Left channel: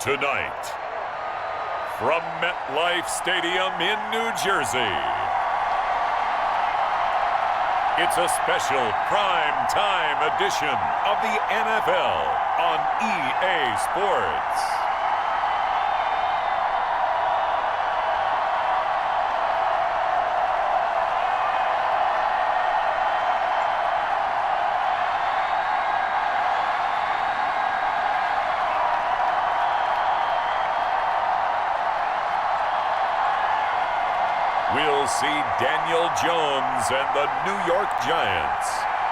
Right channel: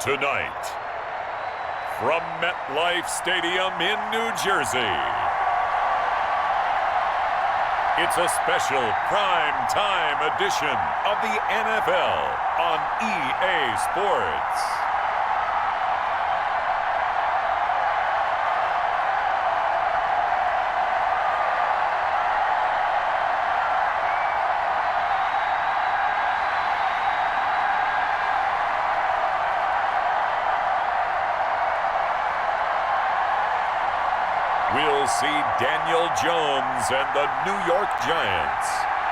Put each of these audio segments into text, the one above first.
Tonight, from MetLife Stadium in New Jersey, it's a special prime time edition of the NFL on EA Sports. We'll see Daniel Jones and the New York Giants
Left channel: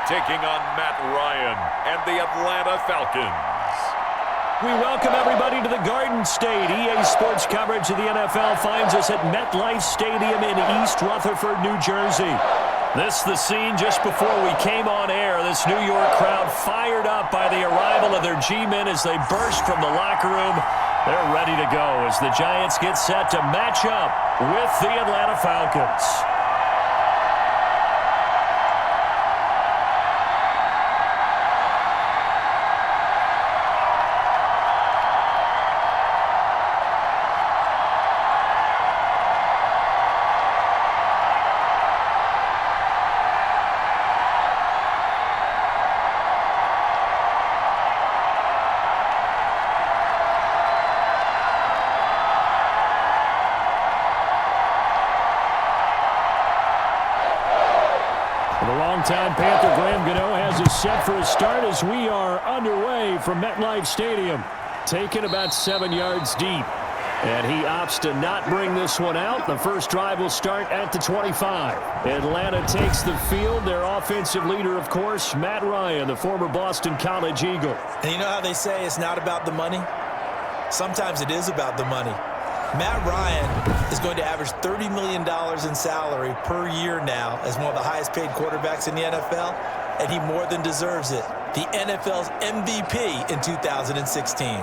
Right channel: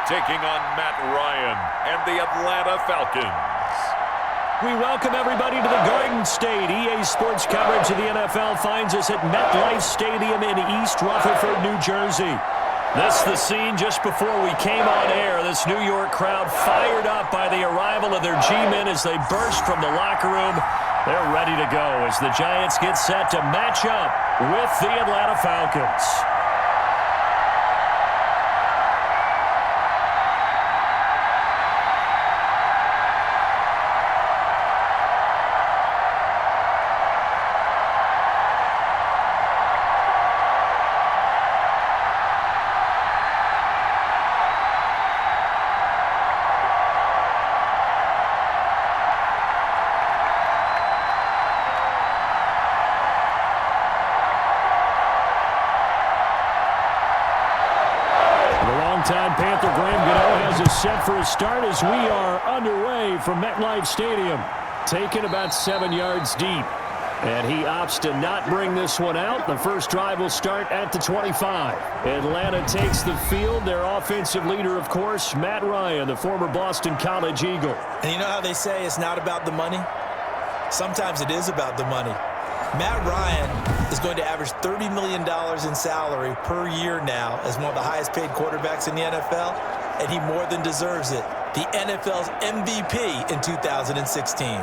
taking on Matt Ryan and the Atlanta Falcons. We welcome everybody to the Garden State. EA Sports coverage of the NFL finds us at MetLife Stadium in East Rutherford, New Jersey. This is the scene just before we came on air. This New York crowd fired up by the arrival of their G-men as they burst from the locker room. They're ready to go as the Giants get set to match up with the Atlanta Falcons. The longtime Panther Graham Gano has us set for a start as we are underway from MetLife Stadium. Taken about 7 yards deep. And he opts to not bring this one out. The first drive will start at the 25. Atlanta takes the field. Their offensive leader, of course, Matt Ryan, the former Boston College Eagle. And you know how they say it's not about the money? Sometimes it is about the money. Matt Ryan is going to average $30 million in salary per year now as one of the highest paid quarterbacks in the NFL, and he more than deserves it. The NFL's MVP in 2016.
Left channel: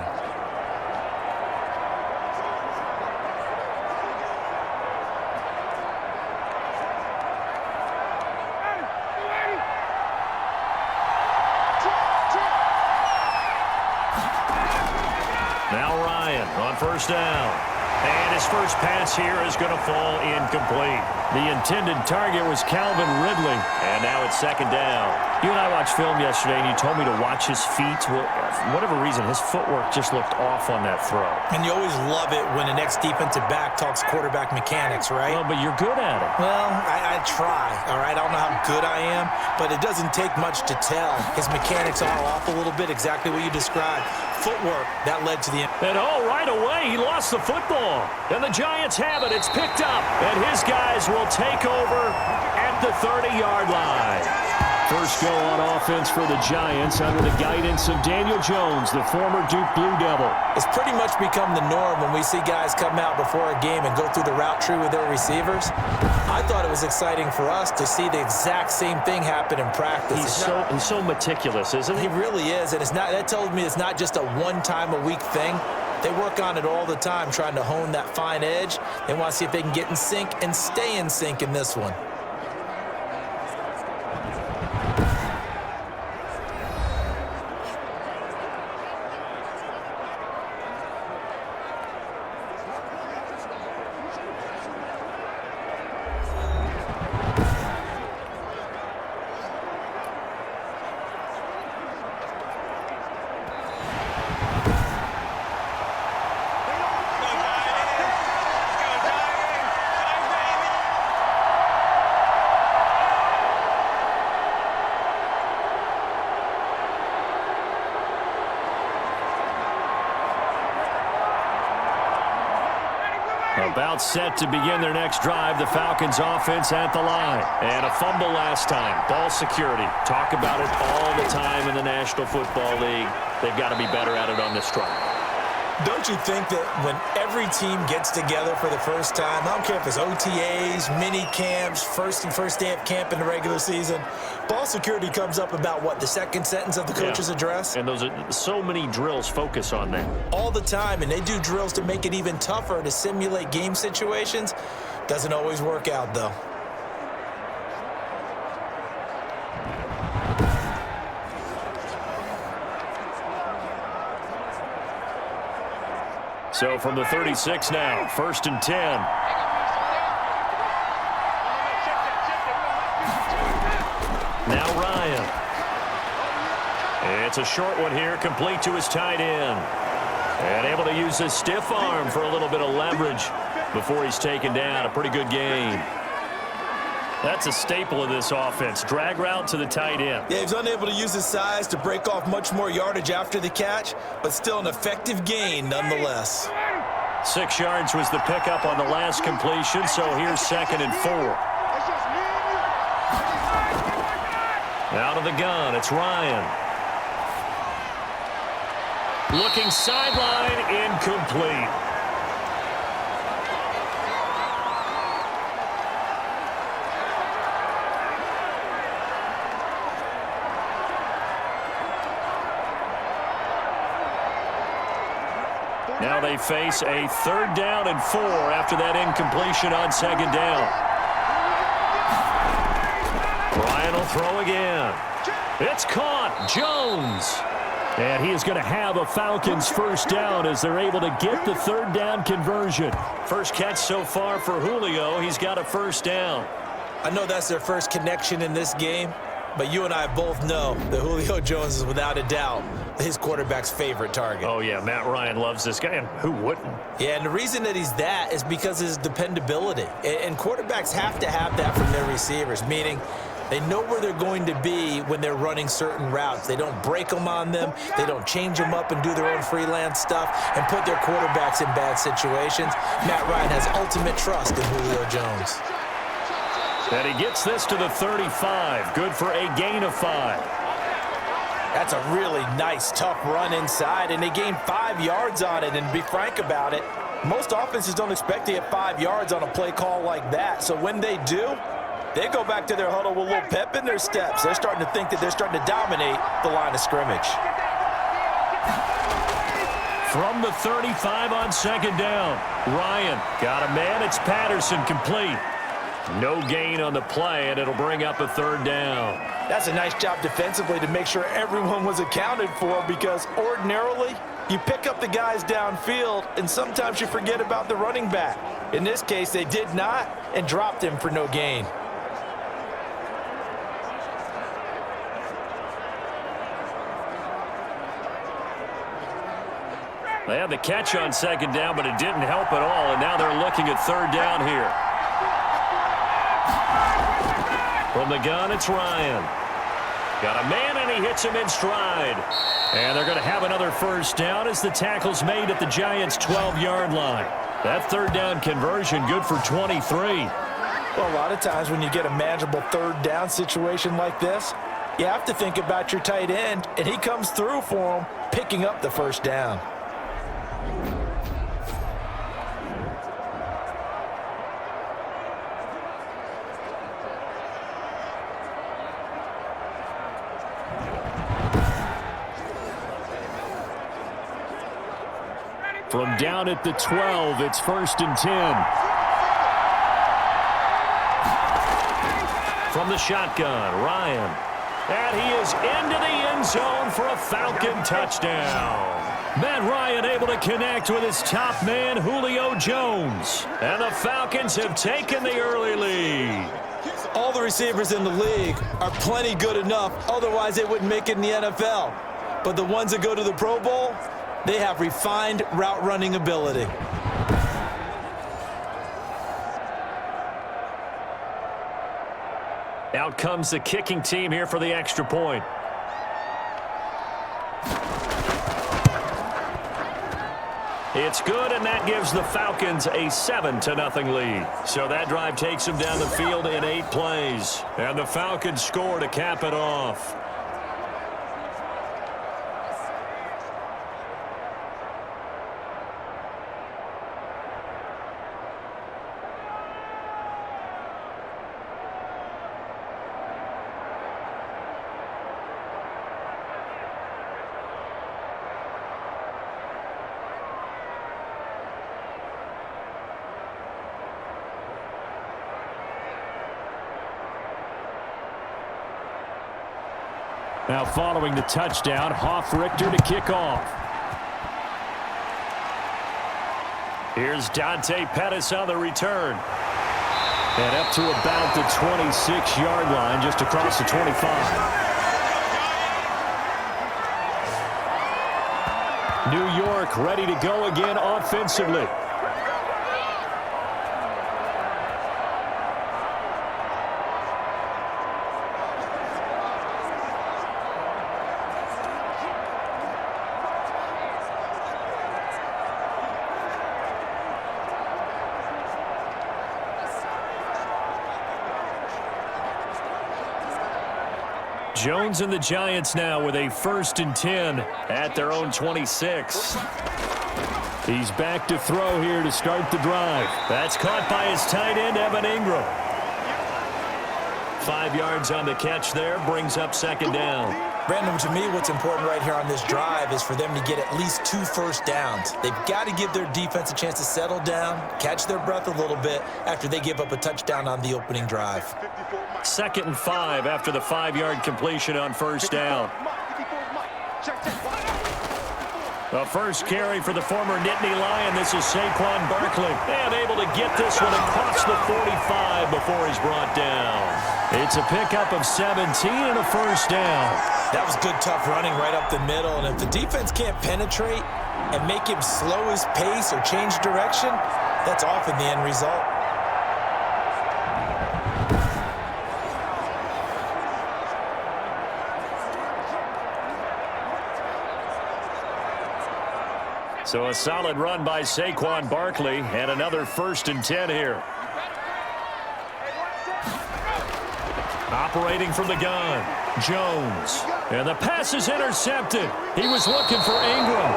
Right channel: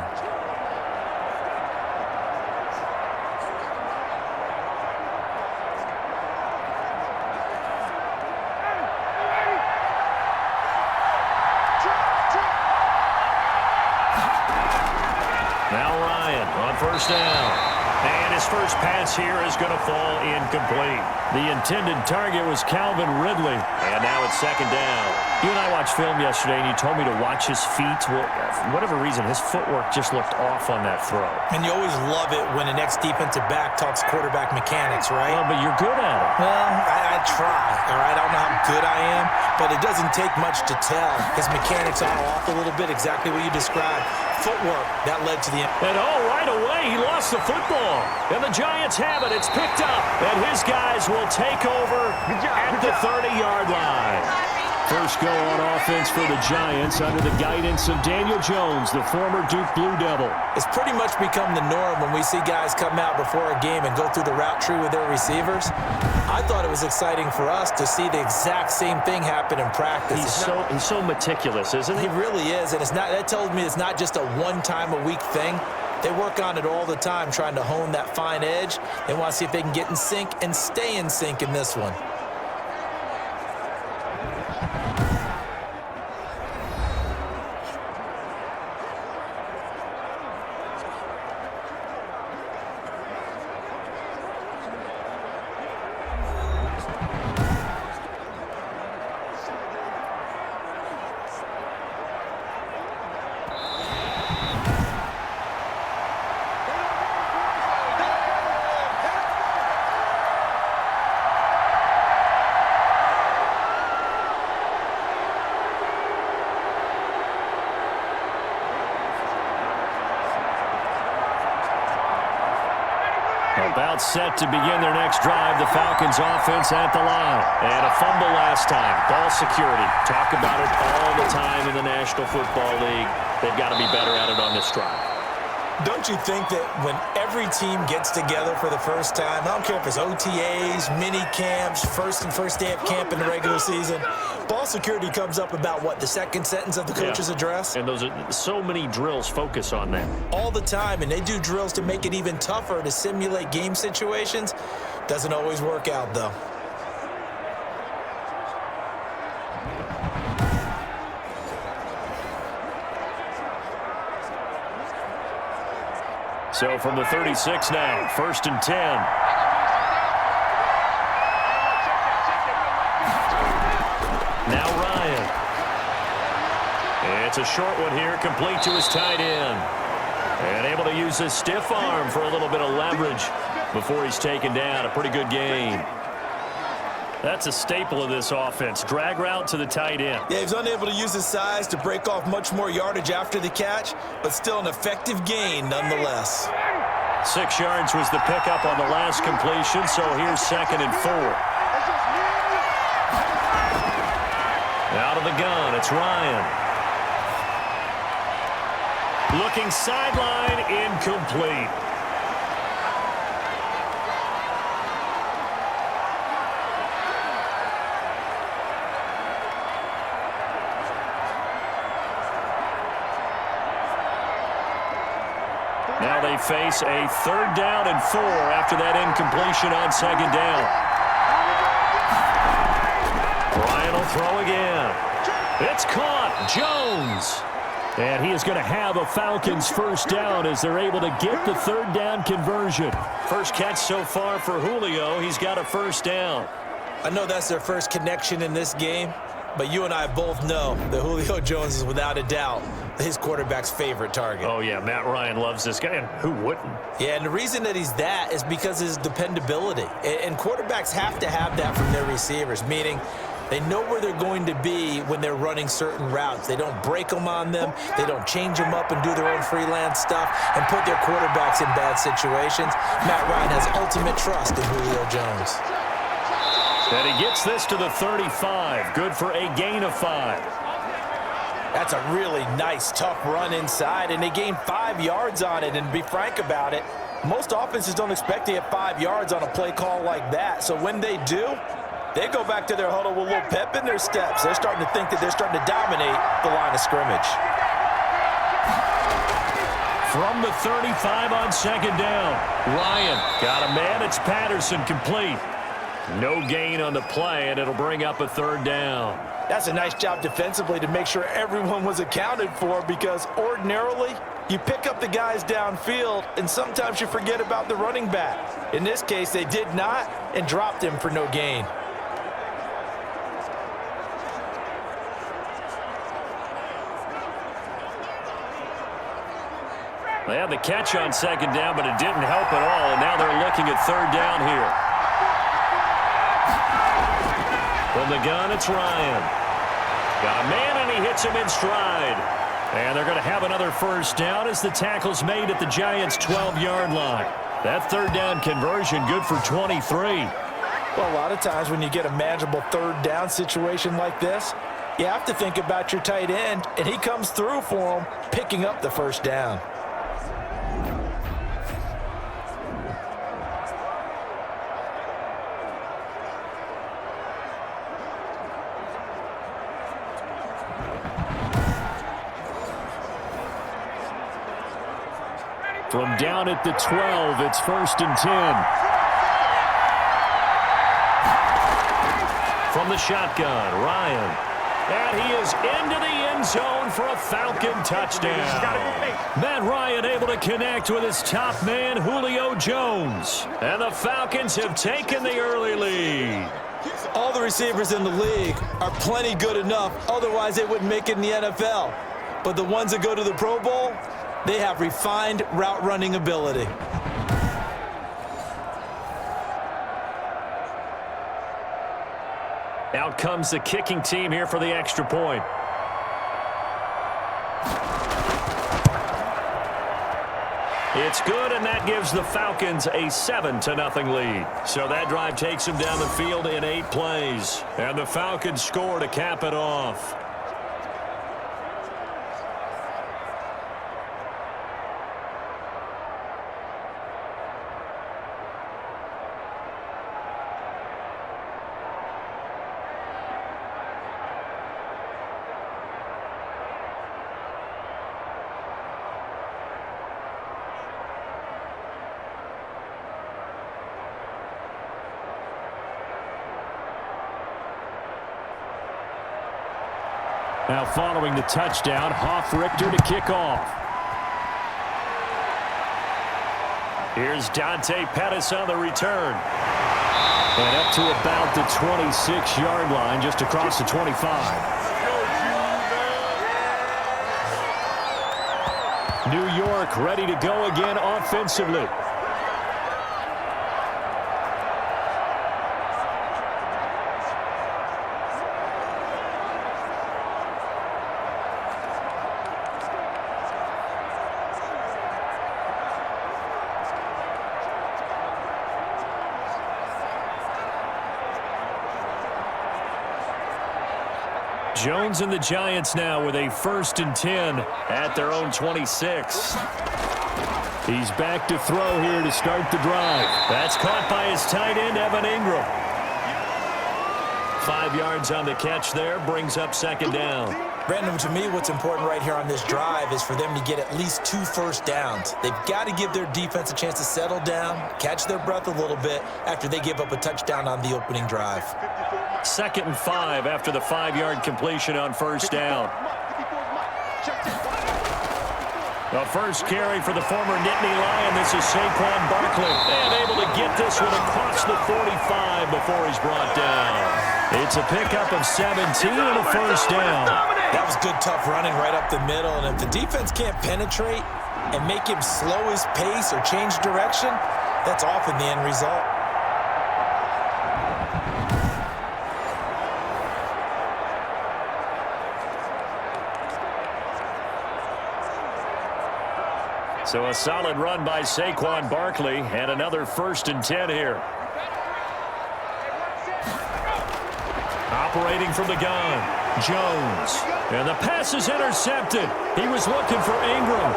Now Ryan on first down. And his first pass here is going to fall incomplete. The intended target was Calvin Ridley. And now it's second down. You and I watched film yesterday, and you told me to watch his feet. Well, for whatever reason, his footwork just looked off on that throw. And you always love it when an ex-defensive back talks quarterback mechanics, right? Well, but you're good at it. Well, I try, all right? I don't know how good I am, but it doesn't take much to tell. His mechanics are off a little bit, exactly what you described. Footwork, that led to the end. And right away, he lost the football. And the Giants have it. It's picked up. And his guys will take over at the 30-yard line. First go on offense for the Giants under the guidance of Daniel Jones, the former Duke Blue Devil. It's pretty much become the norm when we see guys come out before a game and go through the route tree with their receivers. I thought it was exciting for us to see the exact same thing happen in practice. He's so meticulous, isn't he? He really is, and that tells me it's not just a one-time-a-week thing. They work on it all the time, trying to hone that fine edge. They want to see if they can get in sync and stay in sync in this one. About set to begin their next drive, the Falcons offense at the line. And a fumble last time. Ball security. Talk about it all the time in the National Football League. They've got to be better at it on this drive. Don't you think that when every team gets together for the first time, I don't care if it's OTAs, mini camps, first day of camp in the regular season, ball security comes up about what, the second sentence of the coach's address? And those are so many drills focus on that. All the time, and they do drills to make it even tougher to simulate game situations. Doesn't always work out, though. So from the 36 now, 1st and 10. Now Ryan. It's a short one here, complete to his tight end. And able to use his stiff arm for a little bit of leverage before he's taken down. A pretty good gain. That's a staple of this offense. Drag route to the tight end. Yeah, he's unable to use his size to break off much more yardage after the catch, but still an effective gain nonetheless. 6 yards was the pickup on the last completion, so here's 2nd and 4. Out of the gun, it's Ryan. Looking sideline, incomplete. Now they face a 3rd down and 4 after that incompletion on 2nd down. Ryan will throw again. It's caught. Jones. And he is going to have a Falcons 1st down as they're able to get the 3rd down conversion. First catch so far for Julio. He's got a 1st down. I know that's their first connection in this game, but you and I both know that Julio Jones is without a doubt his quarterback's favorite target. Oh, yeah, Matt Ryan loves this guy, and who wouldn't? Yeah, and the reason that he's that is because of his dependability. And quarterbacks have to have that from their receivers, meaning they know where they're going to be when they're running certain routes. They don't break them on them. They don't change them up and do their own freelance stuff and put their quarterbacks in bad situations. Matt Ryan has ultimate trust in Julio Jones. And he gets this to the 35. Good for a gain of 5. That's a really nice, tough run inside, and they gained 5 yards on it. And to be frank about it, most offenses don't expect to get 5 yards on a play call like that. So when they do, they go back to their huddle with a little pep in their steps. They're starting to think that they're starting to dominate the line of scrimmage. From the 35 on 2nd down, Ryan got a man. It's Patterson, complete. No gain on the play, and it'll bring up a 3rd down. That's a nice job defensively to make sure everyone was accounted for, because ordinarily you pick up the guys downfield and sometimes you forget about the running back. In this case, they did not and dropped him for no gain. They had the catch on 2nd down, but it didn't help at all, and now they're looking at 3rd down here. From the gun, it's Ryan. Got a man, and he hits him in stride. And they're going to have another 1st down as the tackle's made at the Giants' 12-yard line. That 3rd down conversion good for 23. Well, a lot of times when you get a manageable 3rd down situation like this, you have to think about your tight end, and he comes through for him, picking up the 1st down. From down at the 12, it's 1st and 10. From the shotgun, Ryan. And he is into the end zone for a Falcon touchdown. Matt Ryan able to connect with his top man, Julio Jones. And the Falcons have taken the early lead. All the receivers in the league are plenty good enough, otherwise they wouldn't make it in the NFL. But the ones that go to the Pro Bowl, they have refined route running ability. Out comes the kicking team here for the extra point. It's good, and that gives the Falcons a 7-0 lead. So that drive takes them down the field in 8 plays. And the Falcons score to cap it off. Now following the touchdown, Richter to kick off. Here's Dante Pettis on the return. And up to about the 26-yard line, just across the 25. New York ready to go again offensively. Jones and the Giants now with a 1st and 10 at their own 26. He's back to throw here to start the drive. That's caught by his tight end, Evan Ingram. 5 yards on the catch there, brings up 2nd down. Brandon, to me, what's important right here on this drive is for them to get at least 2 first downs. They've got to give their defense a chance to settle down, catch their breath a little bit after they give up a touchdown on the opening drive. 2nd and 5 after the 5-yard completion on 1st down. The first carry for the former Nittany Lion. This is Saquon Barkley. And able to get this one across the 45 before he's brought down. It's a pickup of 17 and a 1st down. That was good, tough running right up the middle. And if the defense can't penetrate and make him slow his pace or change direction, that's often the end result. So a solid run by Saquon Barkley and another 1st and 10 here. Operating from the gun, Jones. And the pass is intercepted. He was looking for Ingram.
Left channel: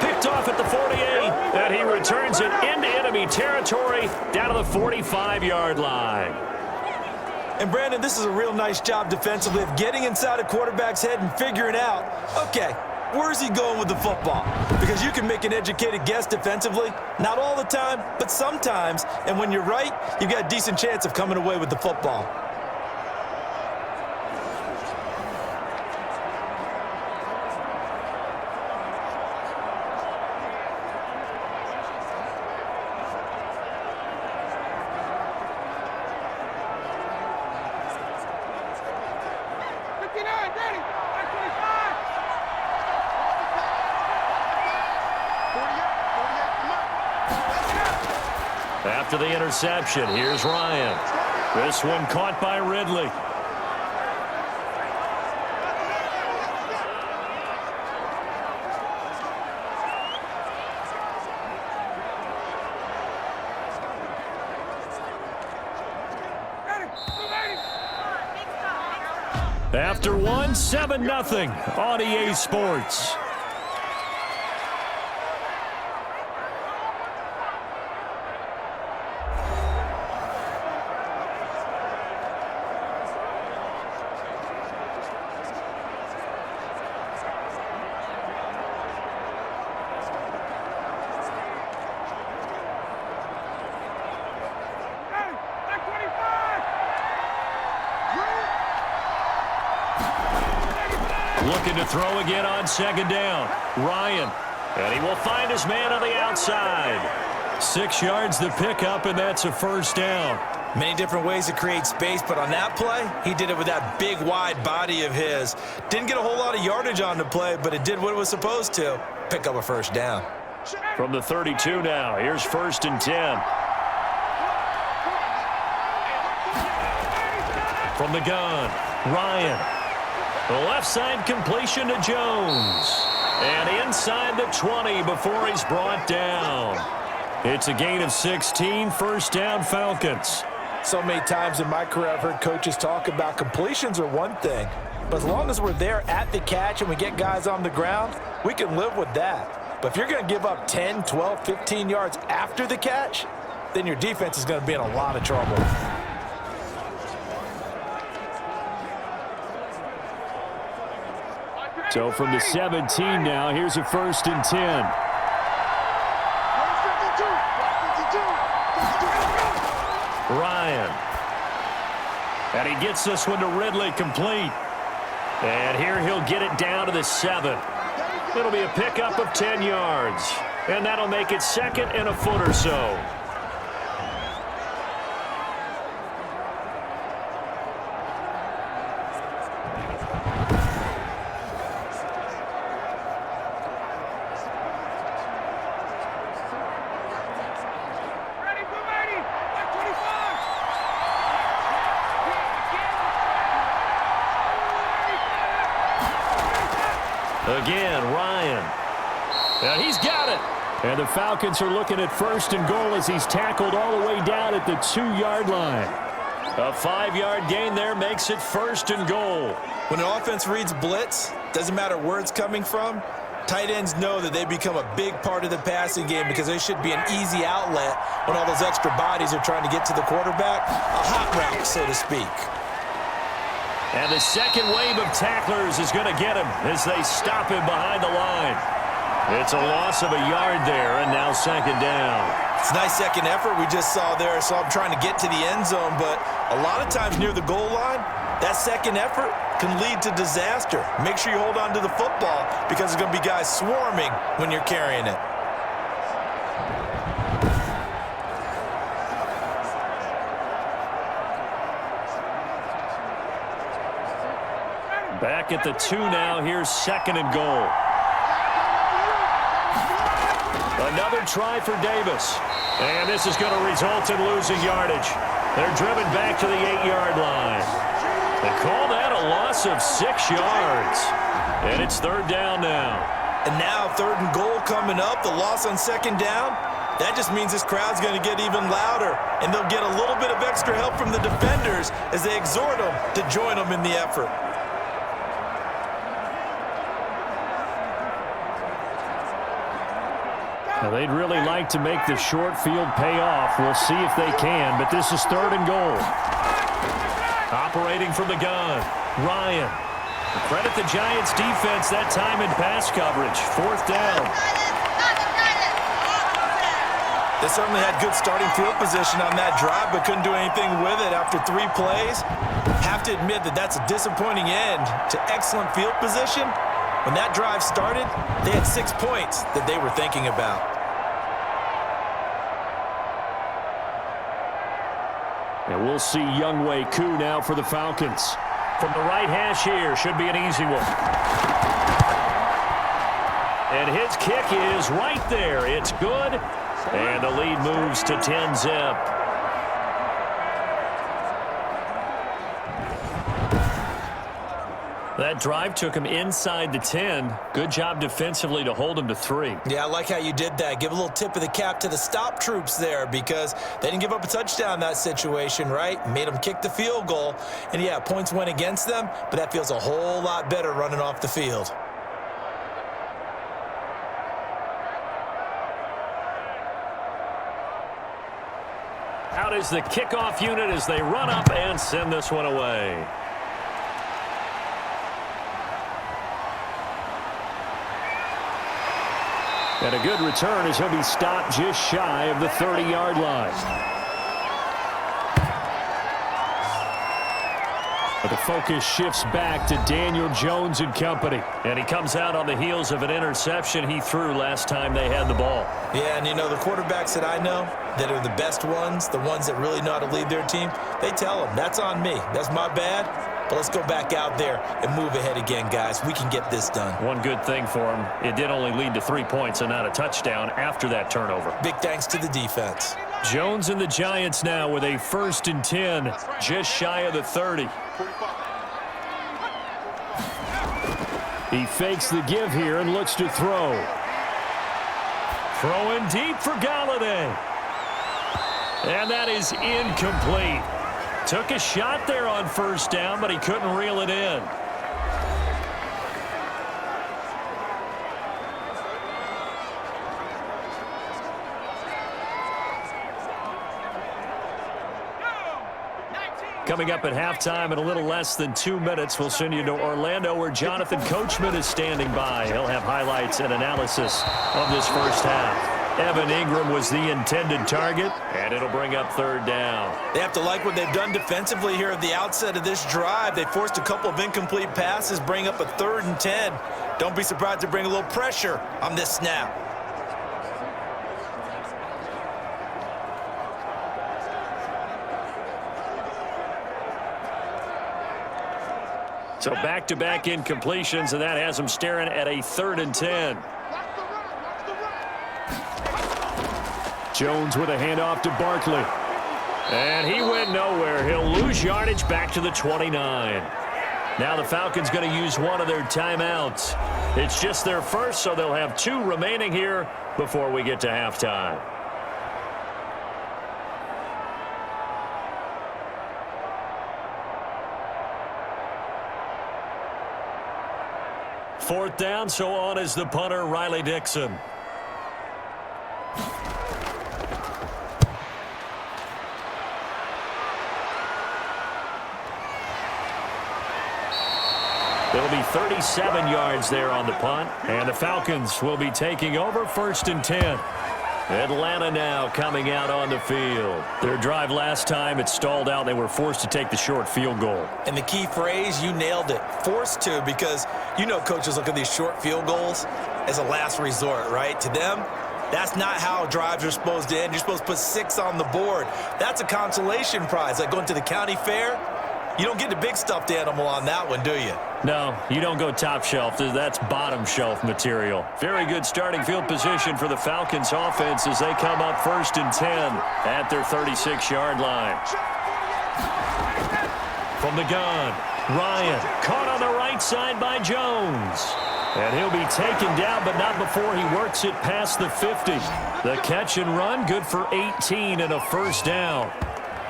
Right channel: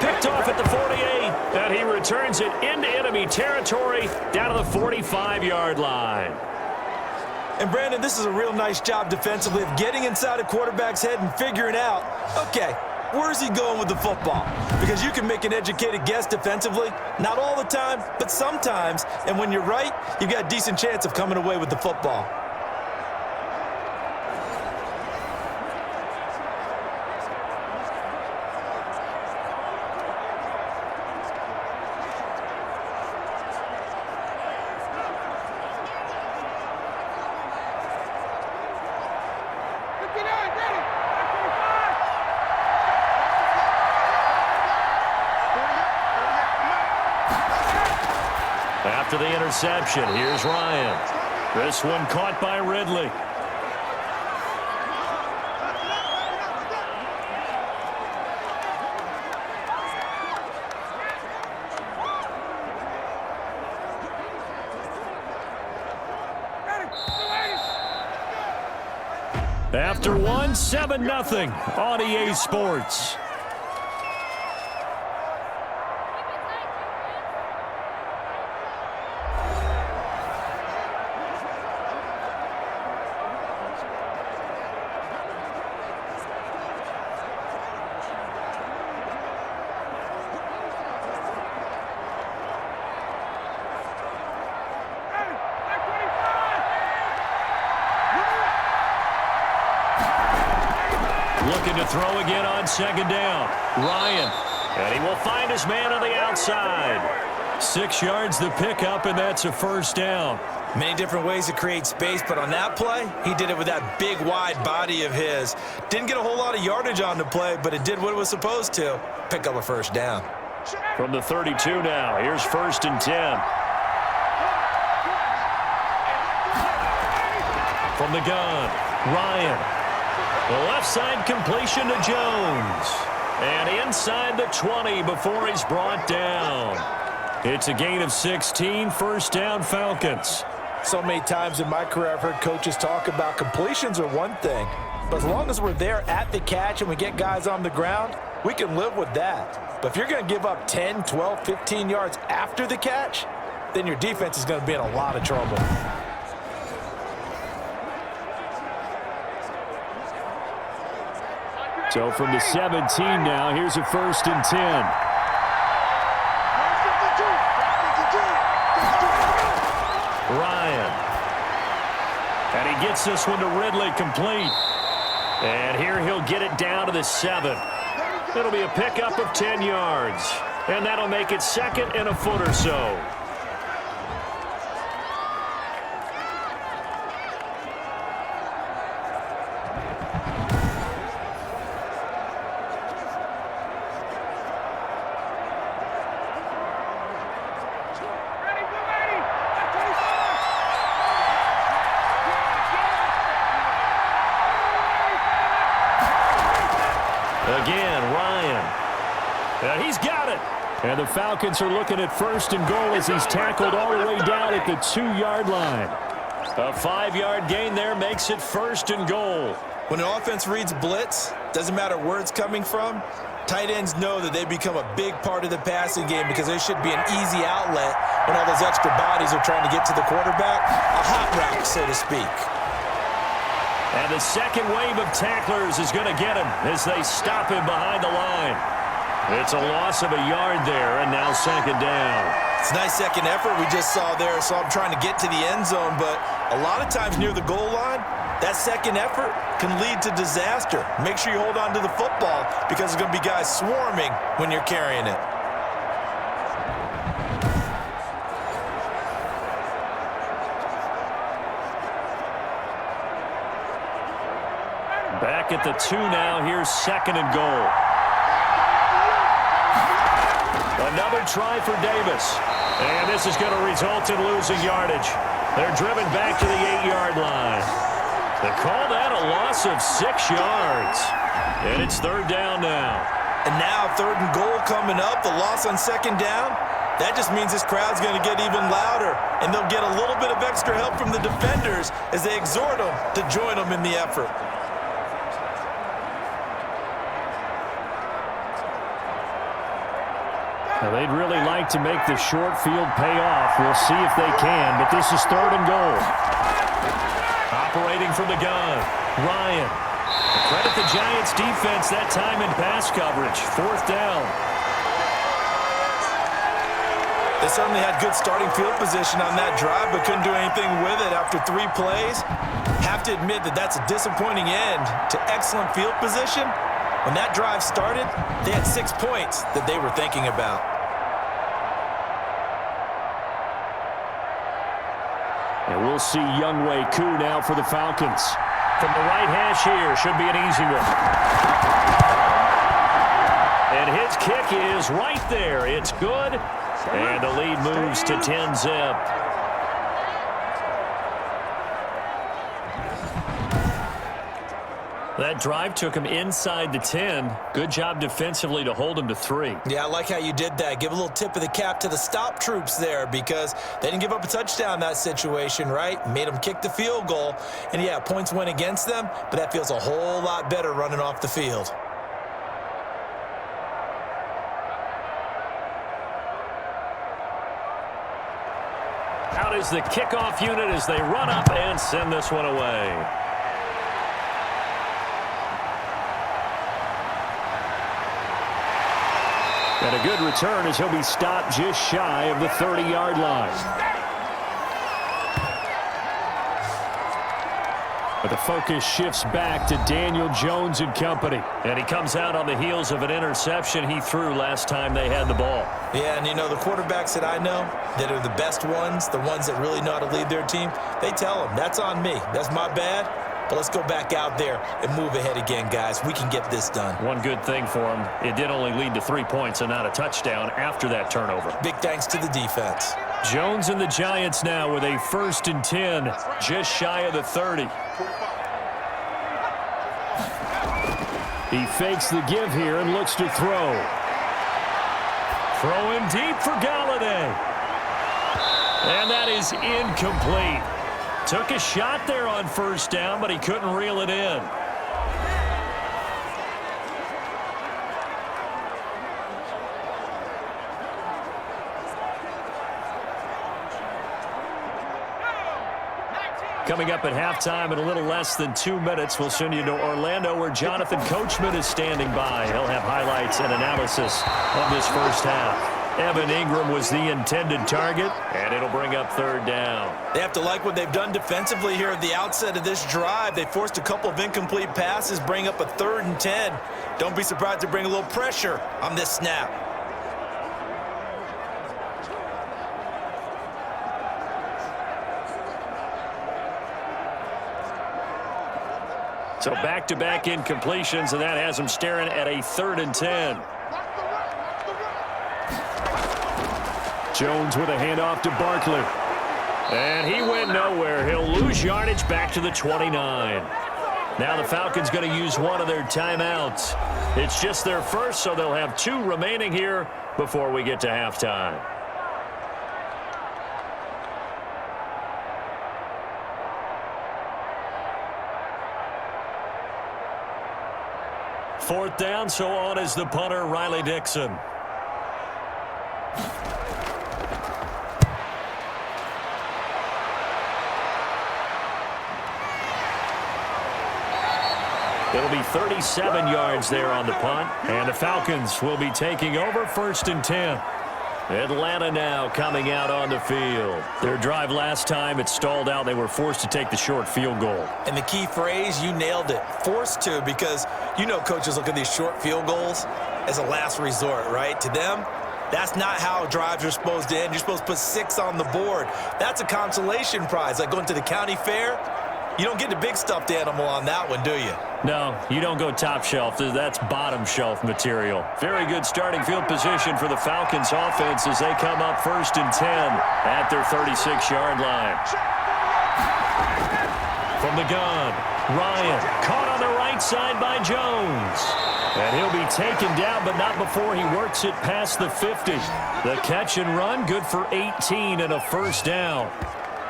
Picked off at the 48. And he returns it into enemy territory down to the 45-yard line. And, Brandon, this is a real nice job defensively of getting inside a quarterback's head and figuring out, okay, where's he going with the football? Because you can make an educated guess defensively. Not all the time, but sometimes. And when you're right, you've got a decent chance of coming away with the football. After the interception, here's Ryan. This one caught by Ridley. After one, 7-0 on EA Sports. Looking to throw again on 2nd down. Ryan. And he will find his man on the outside. 6 yards the pickup, and that's a 1st down. Many different ways to create space, but on that play, he did it with that big, wide body of his. Didn't get a whole lot of yardage on the play, but it did what it was supposed to. Pick up a 1st down. From the 32 now, here's 1st and 10. From the gun, Ryan. The left side completion to Jones. And inside the 20 before he's brought down. It's a gain of 16, 1st down Falcons. So many times in my career I've heard coaches talk about completions are one thing. But as long as we're there at the catch and we get guys on the ground, we can live with that. But if you're going to give up 10, 12, 15 yards after the catch, then your defense is going to be in a lot of trouble. So from the 17 now, here's a 1st and 10. Ryan. And he gets this one to Ridley complete. And here he'll get it down to the 7. It'll be a pickup of 10 yards. And that'll make it 2nd and a foot or so. Again, Ryan. And he's got it. And the Falcons are looking at 1st and goal as he's tackled all the way down at the 2-yard line. A 5-yard gain there makes it 1st and goal. When an offense reads blitz, doesn't matter where it's coming from, tight ends know that they become a big part of the passing game because they should be an easy outlet when all those extra bodies are trying to get to the quarterback. A hot route, so to speak. And the second wave of tacklers is going to get him as they stop him behind the line. It's a loss of a yard there, and now 2nd down. It's a nice second effort we just saw there, so I'm trying to get to the end zone, but a lot of times near the goal line, that second effort can lead to disaster. Make sure you hold on to the football because there's going to be guys swarming when you're carrying it. Back at the 2 now. Here's 2nd and goal. Another try for Davis. And this is going to result in losing yardage. They're driven back to the 8-yard line. They call that a loss of 6 yards. And it's 3rd down now. And now 3rd and goal coming up. The loss on 2nd down. That just means this crowd's going to get even louder. And they'll get a little bit of extra help from the defenders as they exhort them to join them in the effort. Now, they'd really like to make the short field pay off. We'll see if they can, but this is 3rd and goal. Operating from the gun, Ryan. Credit the Giants' defense that time in pass coverage. 4th down. They certainly had good starting field position on that drive, but couldn't do anything with it after 3 plays. Have to admit that that's a disappointing end to excellent field position. When that drive started, they had 6 points that they were thinking about. And we'll see Younghoe Koo now for the Falcons. From the right hash here, should be an easy one. And his kick is right there. It's good. And the lead moves to 10-zip. That drive took him inside the 10. Good job defensively to hold him to 3. Yeah, I like how you did that. Give a little tip of the cap to the stop troops there because they didn't give up a touchdown in that situation, right? Made them kick the field goal. And, yeah, points went against them, but that feels a whole lot better running off the field. Out is the kickoff unit as they run up and send this one away. And a good return as he'll be stopped just shy of the 30-yard line. But the focus shifts back to Daniel Jones and company. And he comes out on the heels of an interception he threw last time they had the ball. Yeah, and you know, the quarterbacks that I know that are the best ones, the ones that really know how to lead their team, they tell them, that's on me. That's my bad. But let's go back out there and move ahead again, guys. We can get this done. One good thing for him, it did only lead to 3 points and not a touchdown after that turnover. Big thanks to the defense. Jones and the Giants now with a 1st and 10, just shy of the 30. He fakes the give here and looks to throw. Throwing deep for Galladay. And that is incomplete. Took a shot there on 1st down, but he couldn't reel it in. Coming up at halftime in a little less than 2 minutes, we'll send you to Orlando where Jonathan Coachman is standing by. He'll have highlights and analysis of this first half. Evan Ingram was the intended target, and it'll bring up 3rd down. They have to like what they've done defensively here at the outset of this drive. They forced a couple of incomplete passes, bring up a 3rd and 10. Don't be surprised to bring a little pressure on this snap. So back-to-back incompletions, and that has them staring at a 3rd and 10. Jones with a handoff to Barkley. And he went nowhere. He'll lose yardage back to the 29. Now the Falcons going to use one of their timeouts. It's just their first, so they'll have 2 remaining here before we get to halftime. Fourth down, so on is the punter, Riley Dixon. It'll be 37 yards there on the punt, and the Falcons will be taking over 1st and 10. Atlanta now coming out on the field. Their drive last time, it stalled out. They were forced to take the short field goal. And the key phrase, you nailed it, forced to, because you know coaches look at these short field goals as a last resort, right? To them, that's not how drives are supposed to end. You're supposed to put 6 on the board. That's a consolation prize, like going to the county fair. You don't get the big stuffed animal on that one, do you? No, you don't go top shelf. That's bottom shelf material. Very good starting field position for the Falcons offense as they come up 1st and 10 at their 36-yard line. From the gun, Ryan caught on the right side by Jones. And he'll be taken down, but not before he works it past the 50. The catch and run, good for 18 and a 1st down.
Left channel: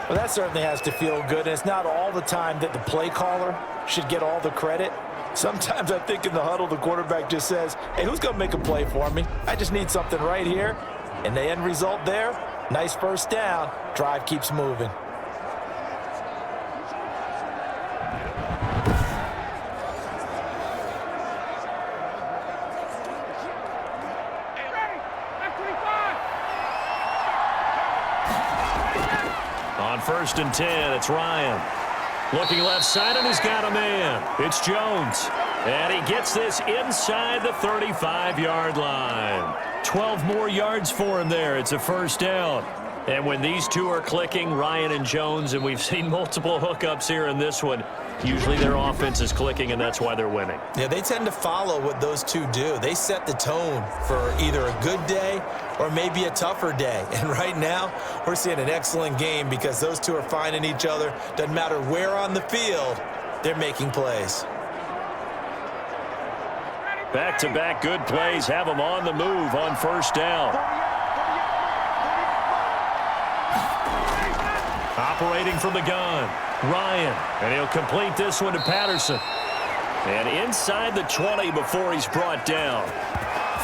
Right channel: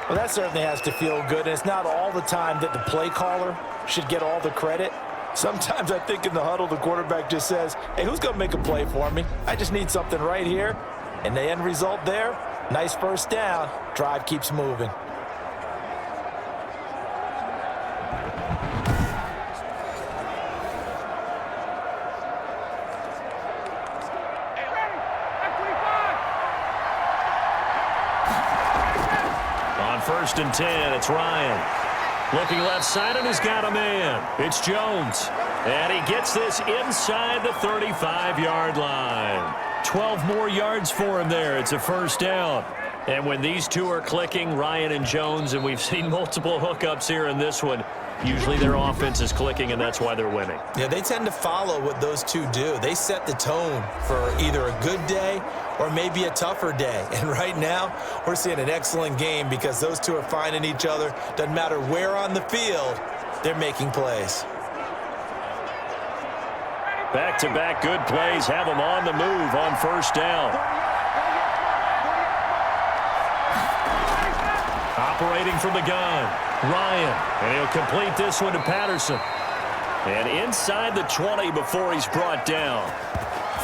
Well, that certainly has to feel good, and it's not all the time that the play caller should get all the credit. Sometimes I think in the huddle, the quarterback just says, hey, who's going to make a play for me? I just need something right here. And the end result there, nice 1st down. Drive keeps moving. On 1st and 10, it's Ryan. Looking left side, and he's got a man. It's Jones. And he gets this inside the 35-yard line. 12 more yards for him there. It's a 1st down. And when these two are clicking, Ryan and Jones, and we've seen multiple hookups here in this one, usually their offense is clicking, and that's why they're winning. Yeah, they tend to follow what those two do. They set the tone for either a good day or maybe a tougher day. And right now, we're seeing an excellent game because those two are finding each other. Doesn't matter where on the field, they're making plays. Back-to-back good plays have them on the move on 1st down. Operating from the gun, Ryan, and he'll complete this one to Patterson. And inside the 20 before he's brought down.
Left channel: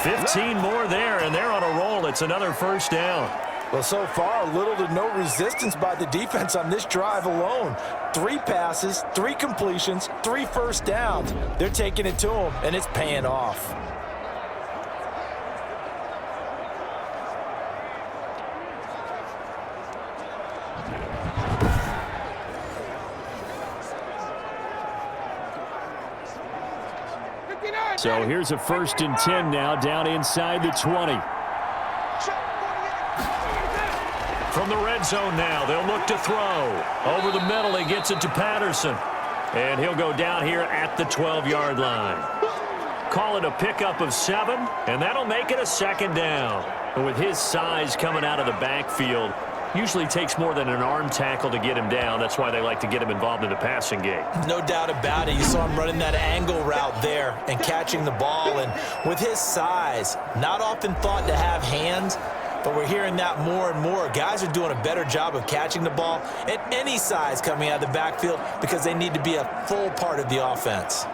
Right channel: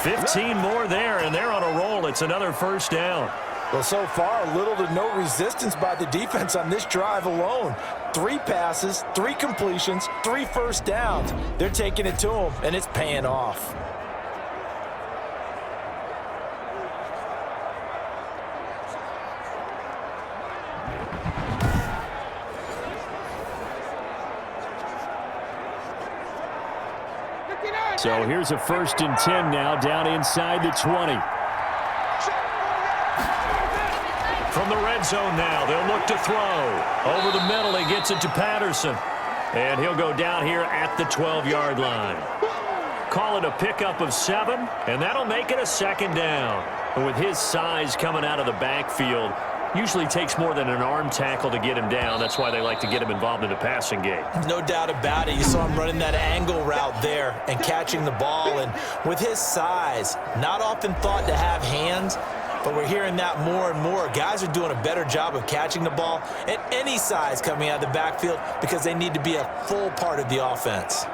15 more there, and they're on a roll. It's another 1st down. Well, so far, little to no resistance by the defense on this drive alone. 3 passes, 3 completions, 3 1st downs. They're taking it to them, and it's paying off. So here's a 1st and 10 now down inside the 20. From the red zone now, they'll look to throw. Over the middle, he gets it to Patterson. And he'll go down here at the 12-yard line. Call it a pickup of 7, and that'll make it a 2nd down. But with his size coming out of the backfield, usually takes more than an arm tackle to get him down. That's why they like to get him involved in the passing game. No doubt about it. You saw him running that angle route there and catching the ball. And with his size, not often thought to have hands, but we're hearing that more and more. Guys are doing a better job of catching the ball at any size coming out of the backfield because they need to be a full part of the offense.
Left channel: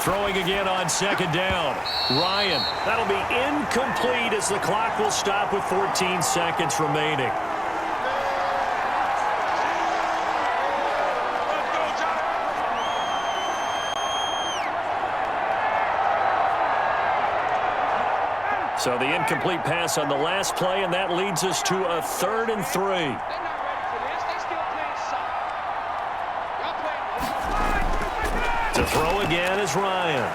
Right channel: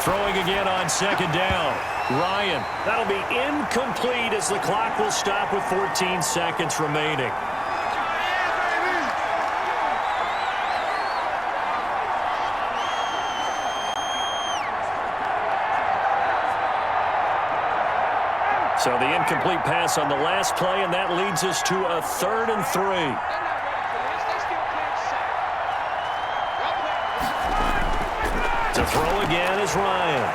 Throwing again on 2nd down. Ryan, that'll be incomplete as the clock will stop with 14 seconds remaining. So the incomplete pass on the last play, and that leads us to a 3rd and 3. To throw again is Ryan.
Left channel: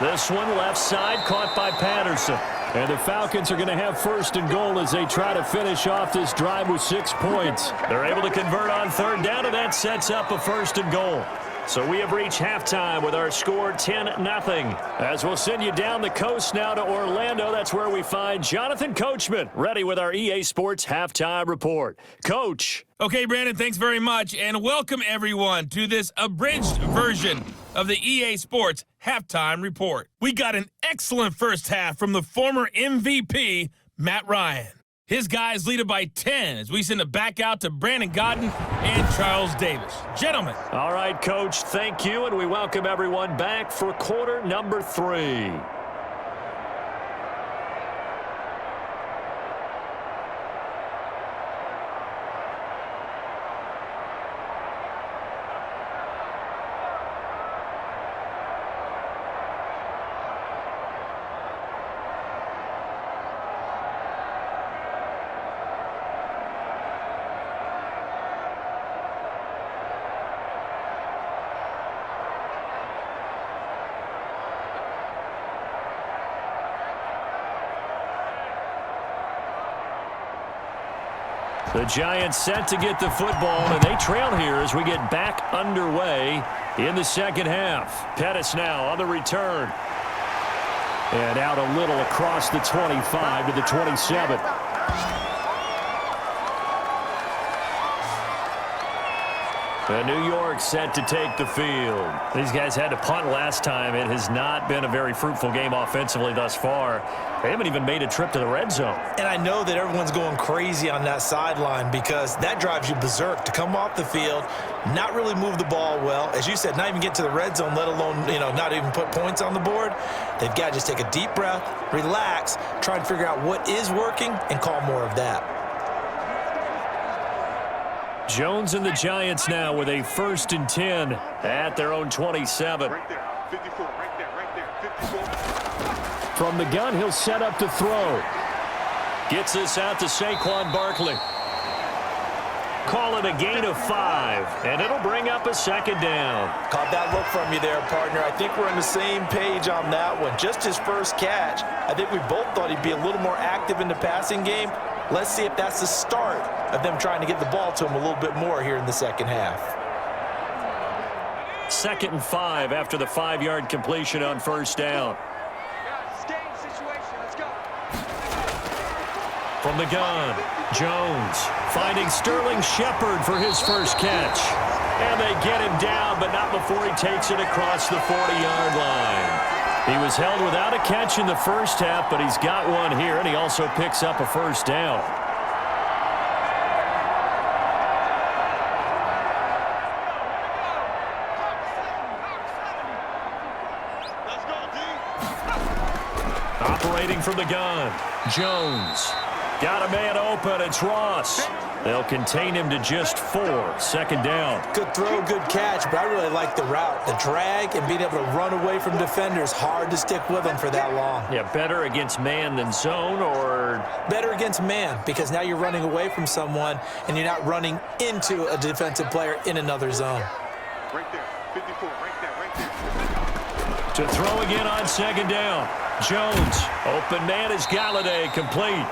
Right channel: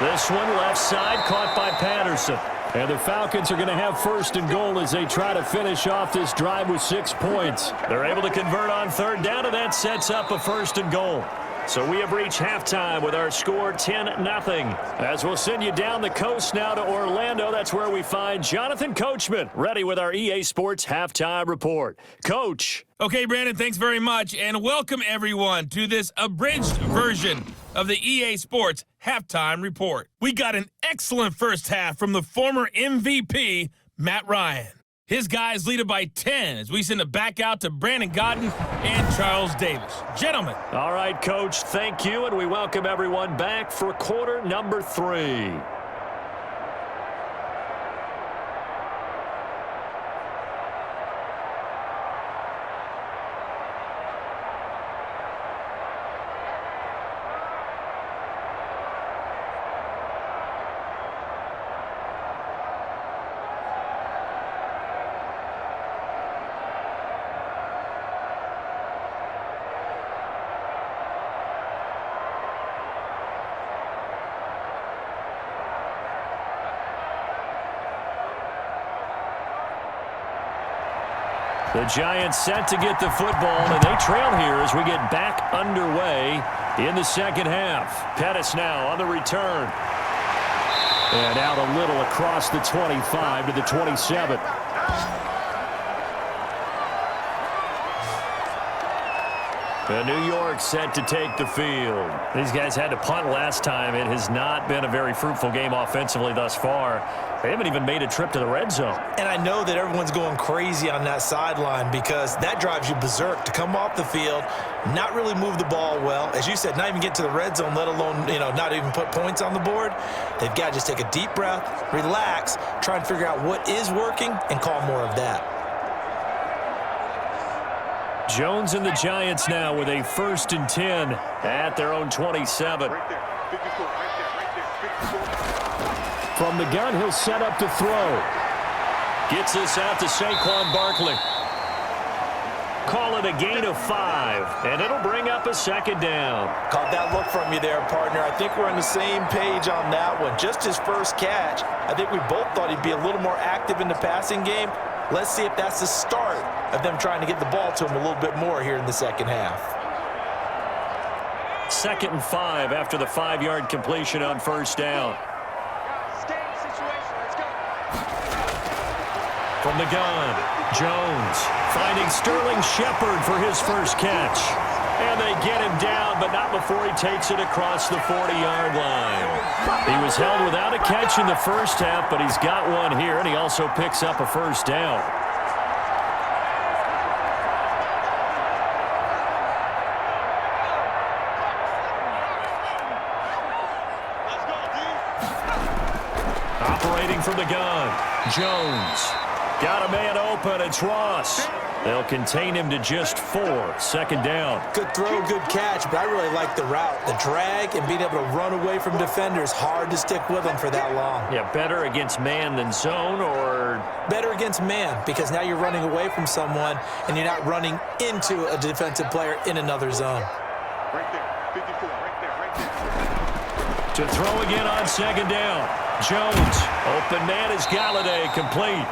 This one left side caught by Patterson. And the Falcons are going to have first and goal as they try to finish off this drive with 6 points. They're able to convert on third down, and that sets up a first and goal. So we have reached halftime with our score 10-0. As we'll send you down the coast now to Orlando, that's where we find Jonathan Coachman, ready with our EA Sports Halftime Report. Coach. Okay, Brandon, thanks very much, and welcome everyone to this abridged version of the EA Sports Halftime Report. We got an excellent first half from the former MVP, Matt Ryan. His guys lead it by 10 as we send it back out to Brandon Godden and Charles Davis. Gentlemen. All right, Coach, thank you, and we welcome everyone back for quarter number 3. The Giants set to get the football, and they trail here as we get back underway in the second half. Pettis now on the return. And out a little across the 25 to the 27. And New York set to take the field. These guys had to punt last time. It has not been a very fruitful game offensively thus far. They haven't even made a trip to the red zone. And I know that everyone's going crazy on that sideline because that drives you berserk to come off the field, not really move the ball well. As you said, not even get to the red zone, let alone, not even put points on the board. They've got to just take a deep breath, relax, try and figure out what is working and call more of that. Jones and the Giants now with a 1st and 10 at their own 27. Right there, 54, right there, 54. From the gun, he'll set up to throw. Gets this out to Saquon Barkley. Call it a gain of 5, and it'll bring up a 2nd down. Caught that look from you there, partner. I think we're on the same page on that one. Just his first catch. I think we both thought he'd be a little more active in the passing game. Let's see if that's the start of them trying to get the ball to him a little bit more here in the second half. 2nd and 5 after the 5-yard completion on 1st down. From the gun, Jones finding Sterling Shepard for his first catch. And they get him down, but not before he takes it across the 40-yard line. He was held without a catch in the first half, but he's got one here, and he also picks up a 1st down. Operating from the gun, Jones. Got a man open, it's Ross. They'll contain him to just 4, 2nd down. Good throw, good catch, but I really like the route. The drag and being able to run away from defenders, hard to stick with them for that long. Yeah, better against man than zone, or? Better against man, because now you're running away from someone and you're not running into a defensive player in another zone. Right there, 54, right there, right there. To throw again on 2nd down. Jones, open man is Galladay, complete.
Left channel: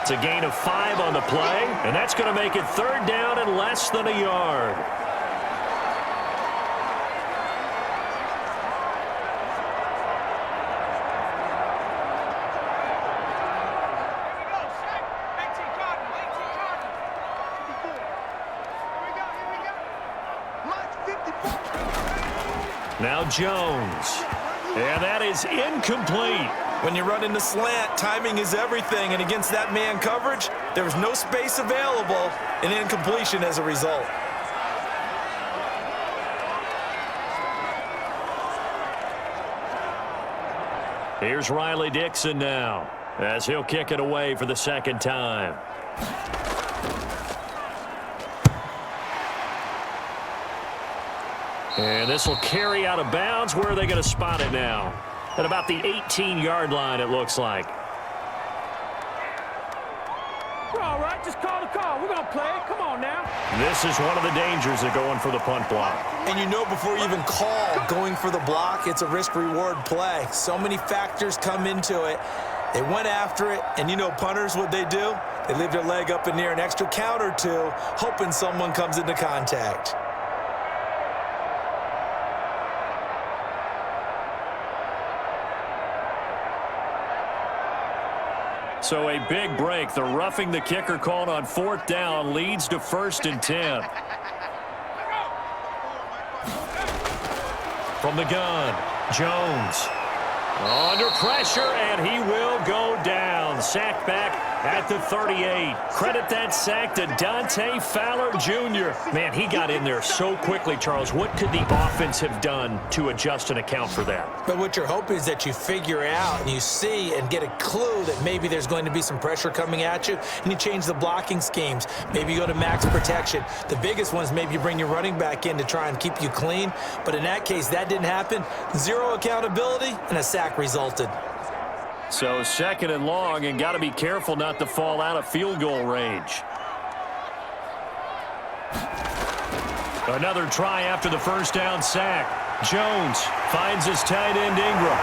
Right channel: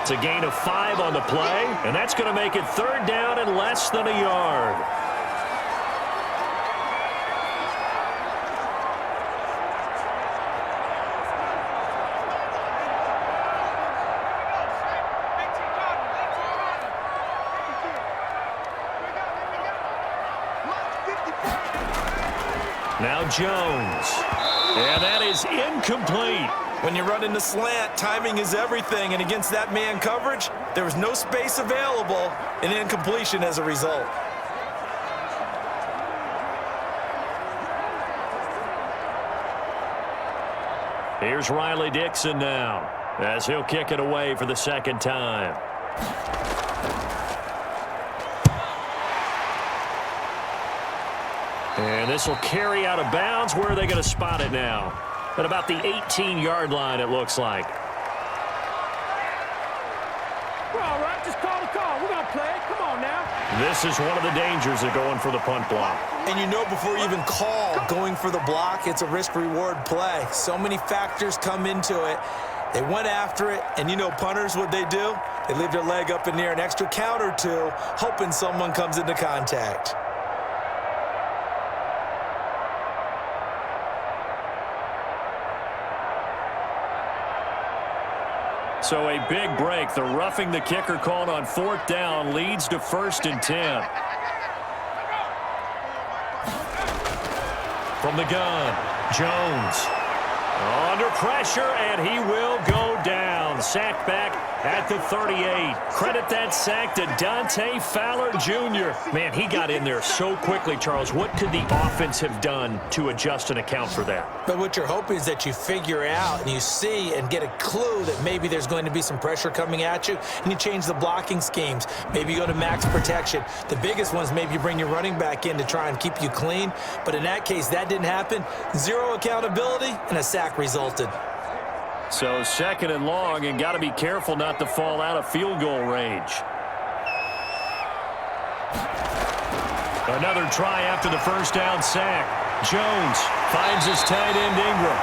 It's a gain of 5 on the play, and that's going to make it 3rd down and less than a yard. Now Jones, and that is incomplete. When you run in the slant, timing is everything, and against that man coverage, there was no space available, and incompletion as a result. Here's Riley Dixon now, as he'll kick it away for the 2nd time. And this will carry out of bounds. Where are they going to spot it now? At about the 18-yard line, it looks like. We're all right. Just call the call. We're going to play. Come on now. This is one of the dangers of going for the punt block. And you know before you even call going for the block, it's a risk-reward play. So many factors come into it. They went after it, and you know punters, what they do? They leave their leg up in the air an extra count or two, hoping someone comes into contact. So a big break. The roughing the kicker called on 4th down leads to 1st and 10. From the gun, Jones. Under pressure, and he will go down. Sacked back at the 38. Credit that sack to Dante Fowler Jr. Man, he got in there so quickly, Charles. What could the offense have done to adjust and account for that? But what you're hoping is that you figure out and you see and get a clue that maybe there's going to be some pressure coming at you, and you change the blocking schemes. Maybe you go to max protection. The biggest one is maybe you bring your running back in to try and keep you clean. But in that case, that didn't happen. Zero accountability, and a sack resulted. So 2nd and long, and got to be careful not to fall out of field goal range. Another try after the 1st down sack. Jones finds his tight end Ingram.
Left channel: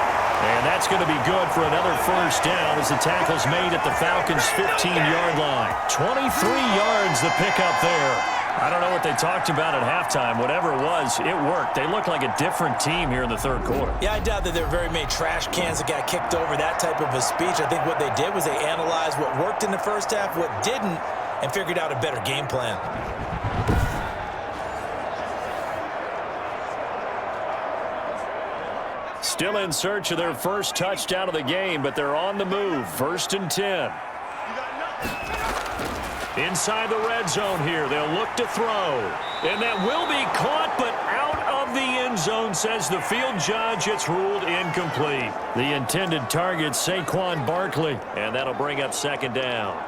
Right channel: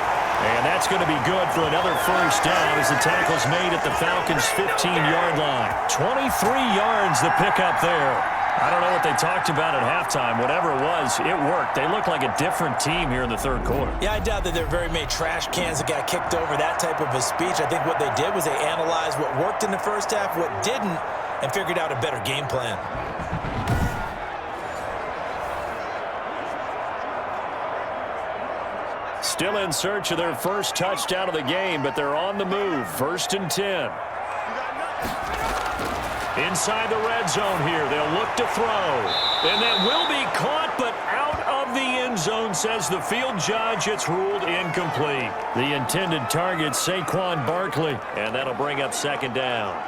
And that's going to be good for another 1st down as the tackle's made at the Falcons' 15-yard line. 23 yards the pickup there. I don't know what they talked about at halftime. Whatever it was, it worked. They look like a different team here in the 3rd quarter. Yeah, I doubt that there were very many trash cans that got kicked over, that type of a speech. I think what they did was they analyzed what worked in the 1st half, what didn't, and figured out a better game plan. Still in search of their first touchdown of the game, but they're on the move. 1st and 10. Inside the red zone here, they'll look to throw. And that will be caught, but out of the end zone, says the field judge. It's ruled incomplete. The intended target, Saquon Barkley, and that'll bring up 2nd down.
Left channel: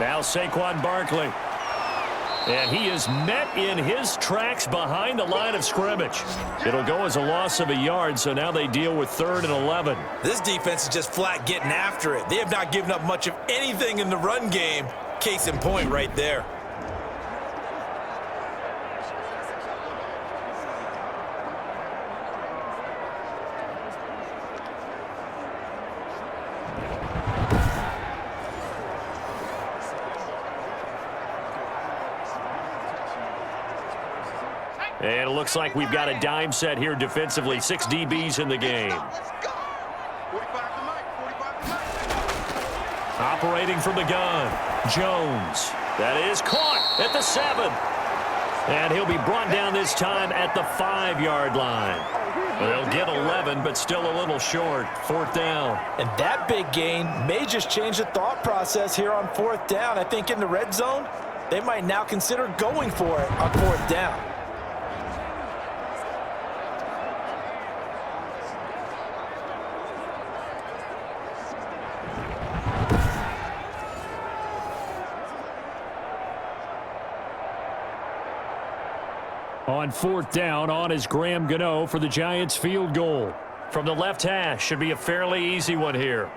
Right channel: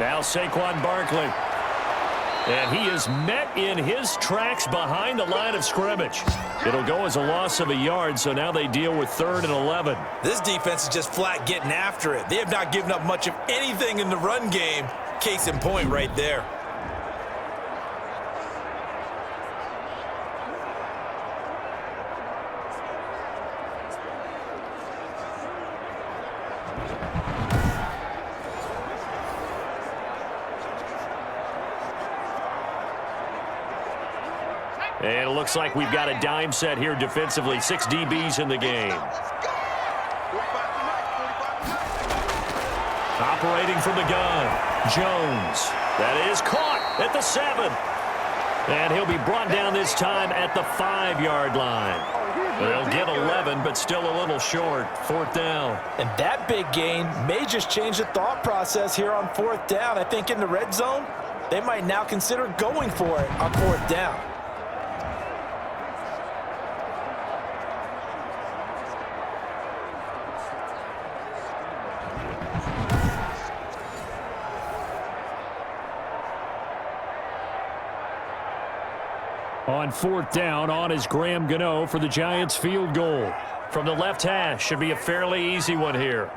Now Saquon Barkley. And he is met in his tracks behind the line of scrimmage. It'll go as a loss of a yard, so now they deal with 3rd and 11. This defense is just flat getting after it. They have not given up much of anything in the run game. Case in point right there. And it looks like we've got a dime set here defensively. 6 DBs in the game. Operating from the gun, Jones. That is caught at the 7. And he'll be brought down this time at the 5-yard line. They'll get 11, but still a little short. 4th down. And that big gain may just change the thought process here on 4th down. I think in the red zone, they might now consider going for it on 4th down. On 4th down, on is Graham Gano for the Giants field goal. From the left hash, should be a fairly easy one here.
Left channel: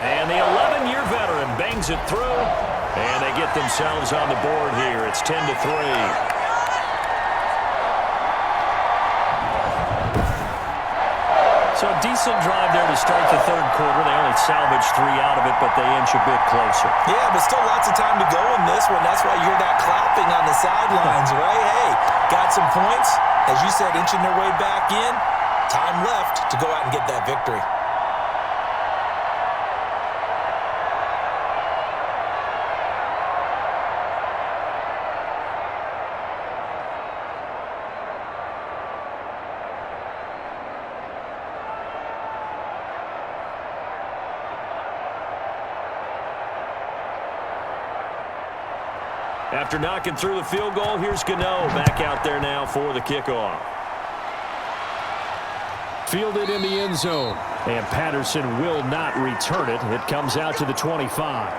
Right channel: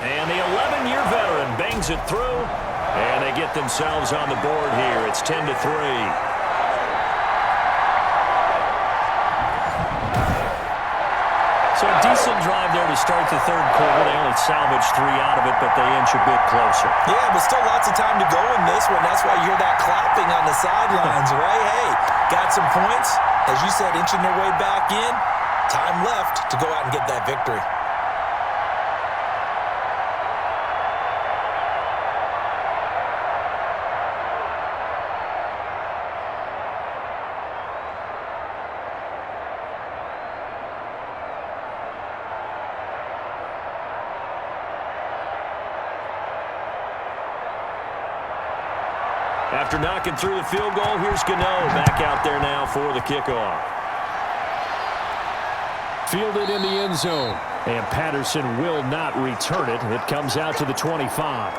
And the 11-year veteran bangs it through, and they get themselves on the board here. It's 10-3. So a decent drive there to start the 3rd quarter. They only salvaged 3 out of it, but they inch a bit closer. Yeah, but still lots of time to go in this one. That's why you hear that clapping on the sidelines, right? Hey, got some points. As you said, inching their way back in. Time left to go out and get that victory. After knocking through the field goal, here's Gano back out there now for the kickoff. Fielded in the end zone, and Patterson will not return it. It comes out to the 25.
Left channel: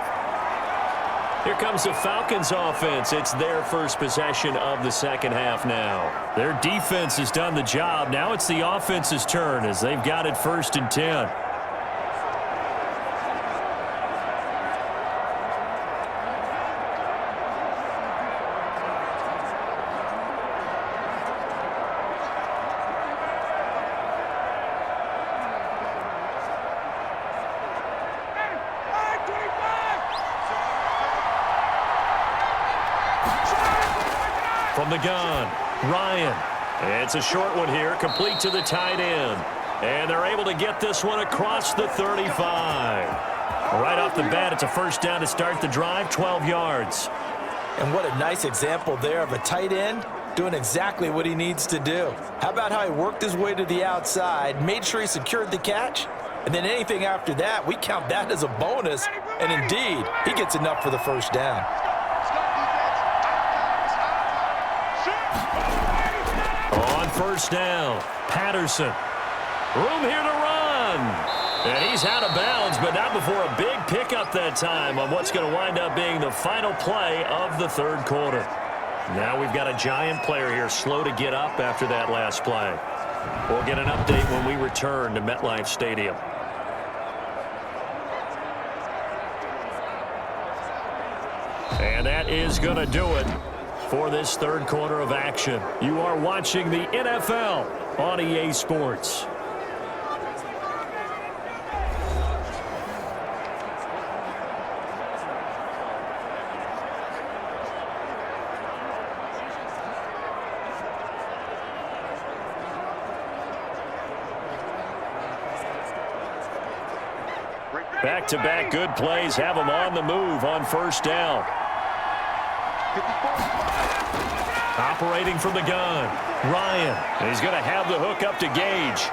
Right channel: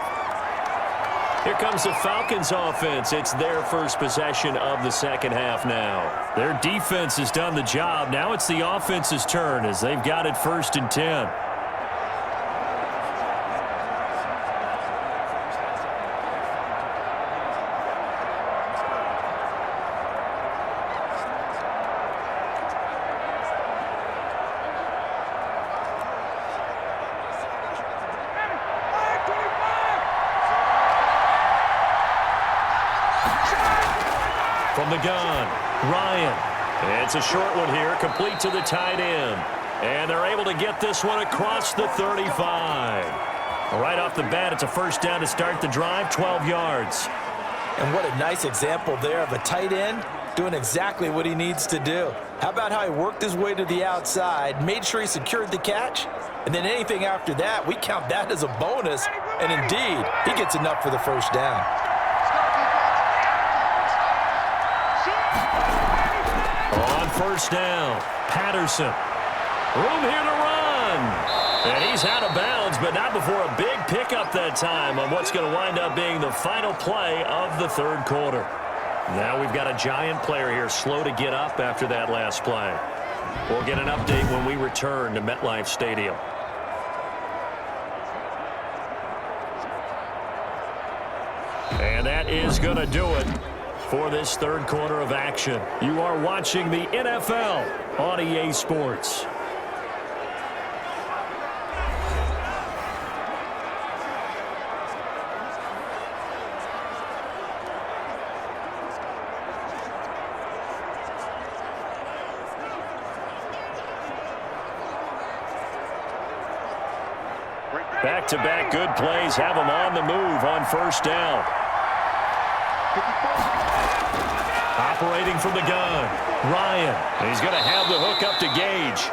Here comes the Falcons offense. It's their first possession of the second half now. Their defense has done the job. Now it's the offense's turn as they've got it 1st and 10. From the gun, Ryan. It's a short one here, complete to the tight end. And they're able to get this one across the 35. Right off the bat, it's a first down to start the drive, 12 yards. And what a nice example there of a tight end doing exactly what he needs to do. How about how he worked his way to the outside, made sure he secured the catch, and then anything after that, we count that as a bonus. And indeed, he gets enough for the first down. On first down, Patterson. Room here to run. And he's out of bounds, but not before a big pickup that time on what's going to wind up being the final play of the third quarter. Now we've got a giant player here slow to get up after that last play. We'll get an update when we return to MetLife Stadium. And that is going to do it for this third quarter of action. You are watching the NFL on EA Sports. Back-to-back good plays have them on the move on first down. Operating from the gun, Ryan. He's going to have the hook up to Gage.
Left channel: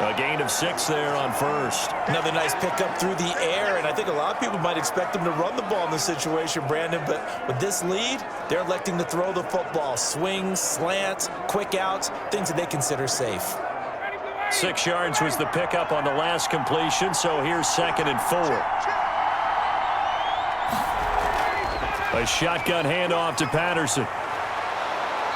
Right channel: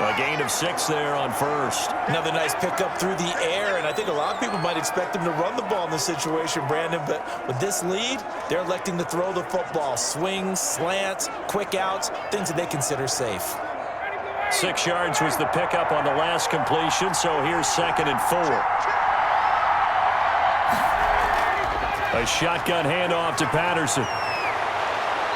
A gain of 6 there on first. Another nice pickup through the air, and I think a lot of people might expect him to run the ball in this situation, Brandon, but with this lead, they're electing to throw the football. Swings, slants, quick outs, things that they consider safe. 6 yards was the pickup on the last completion, so here's 2nd and 4. A shotgun handoff to Patterson.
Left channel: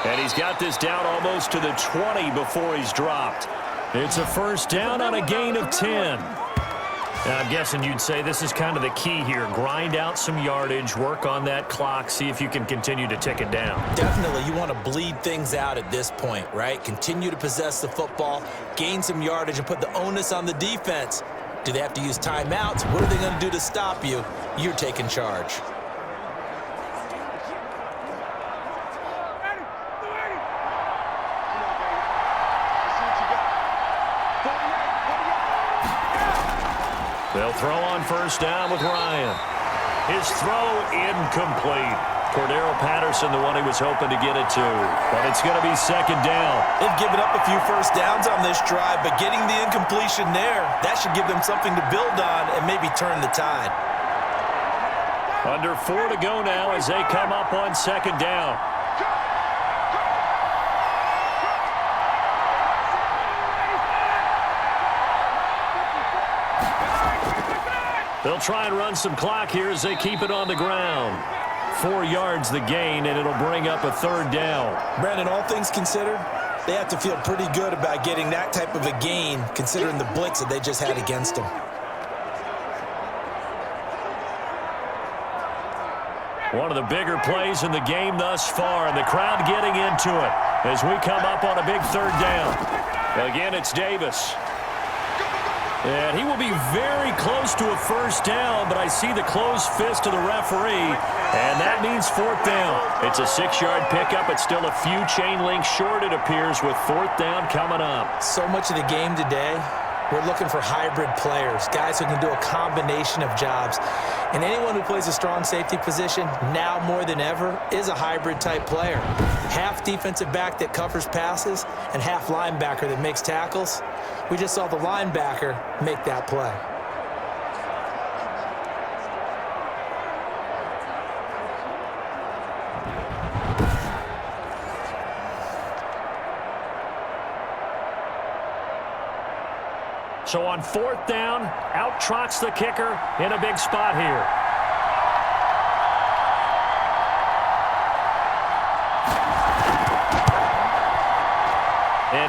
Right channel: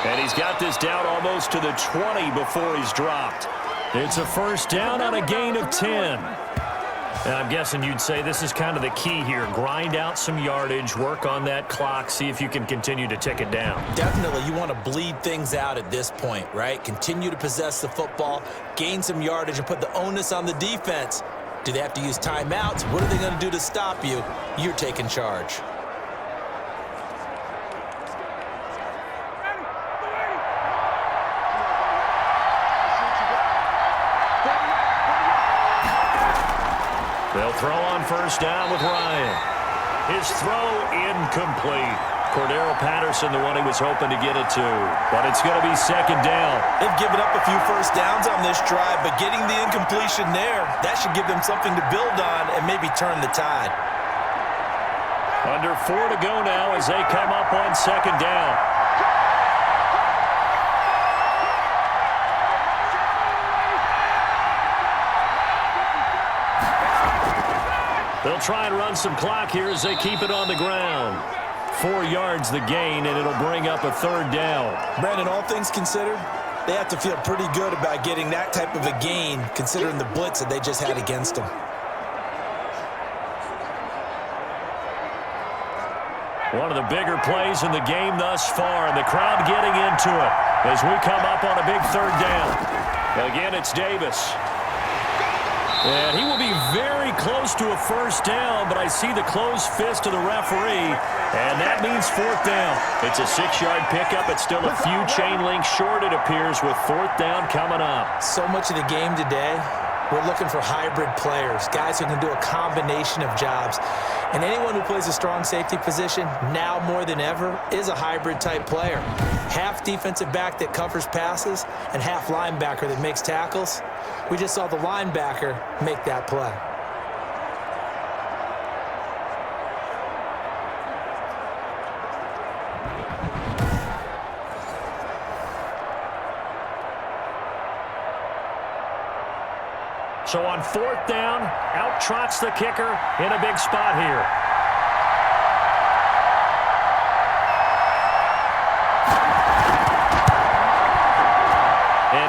And he's got this down almost to the 20 before he's dropped. It's a first down on a gain of 10. Now, I'm guessing you'd say this is kind of the key here. Grind out some yardage, work on that clock, see if you can continue to tick it down. Definitely, you want to bleed things out at this point, right? Continue to possess the football, gain some yardage, and put the onus on the defense. Do they have to use timeouts? What are they going to do to stop you? You're taking charge. They'll throw on first down with Ryan. His throw incomplete. Cordero Patterson, the one he was hoping to get it to. But it's going to be 2nd down. They've given up a few first downs on this drive, but getting the incompletion there, that should give them something to build on and maybe turn the tide. Under 4 to go now as they come up on 2nd down. They'll try and run some clock here as they keep it on the ground. 4 yards the gain, and it'll bring up a 3rd down. Brandon, all things considered, they have to feel pretty good about getting that type of a gain, considering the blitz that they just had against them. One of the bigger plays in the game thus far, and the crowd getting into it as we come up on a big 3rd down. Again, it's Davis. And he will be very close to a first down, but I see the closed fist of the referee, and that means 4th down. It's a 6-yard pickup. It's still a few chain links short, it appears, with 4th down coming up. So much of the game today, we're looking for hybrid players, guys who can do a combination of jobs. And anyone who plays a strong safety position, now more than ever, is a hybrid-type player. Half defensive back that covers passes and half linebacker that makes tackles. We just saw the linebacker make that play. So on 4th down, out trots the kicker in a big spot here.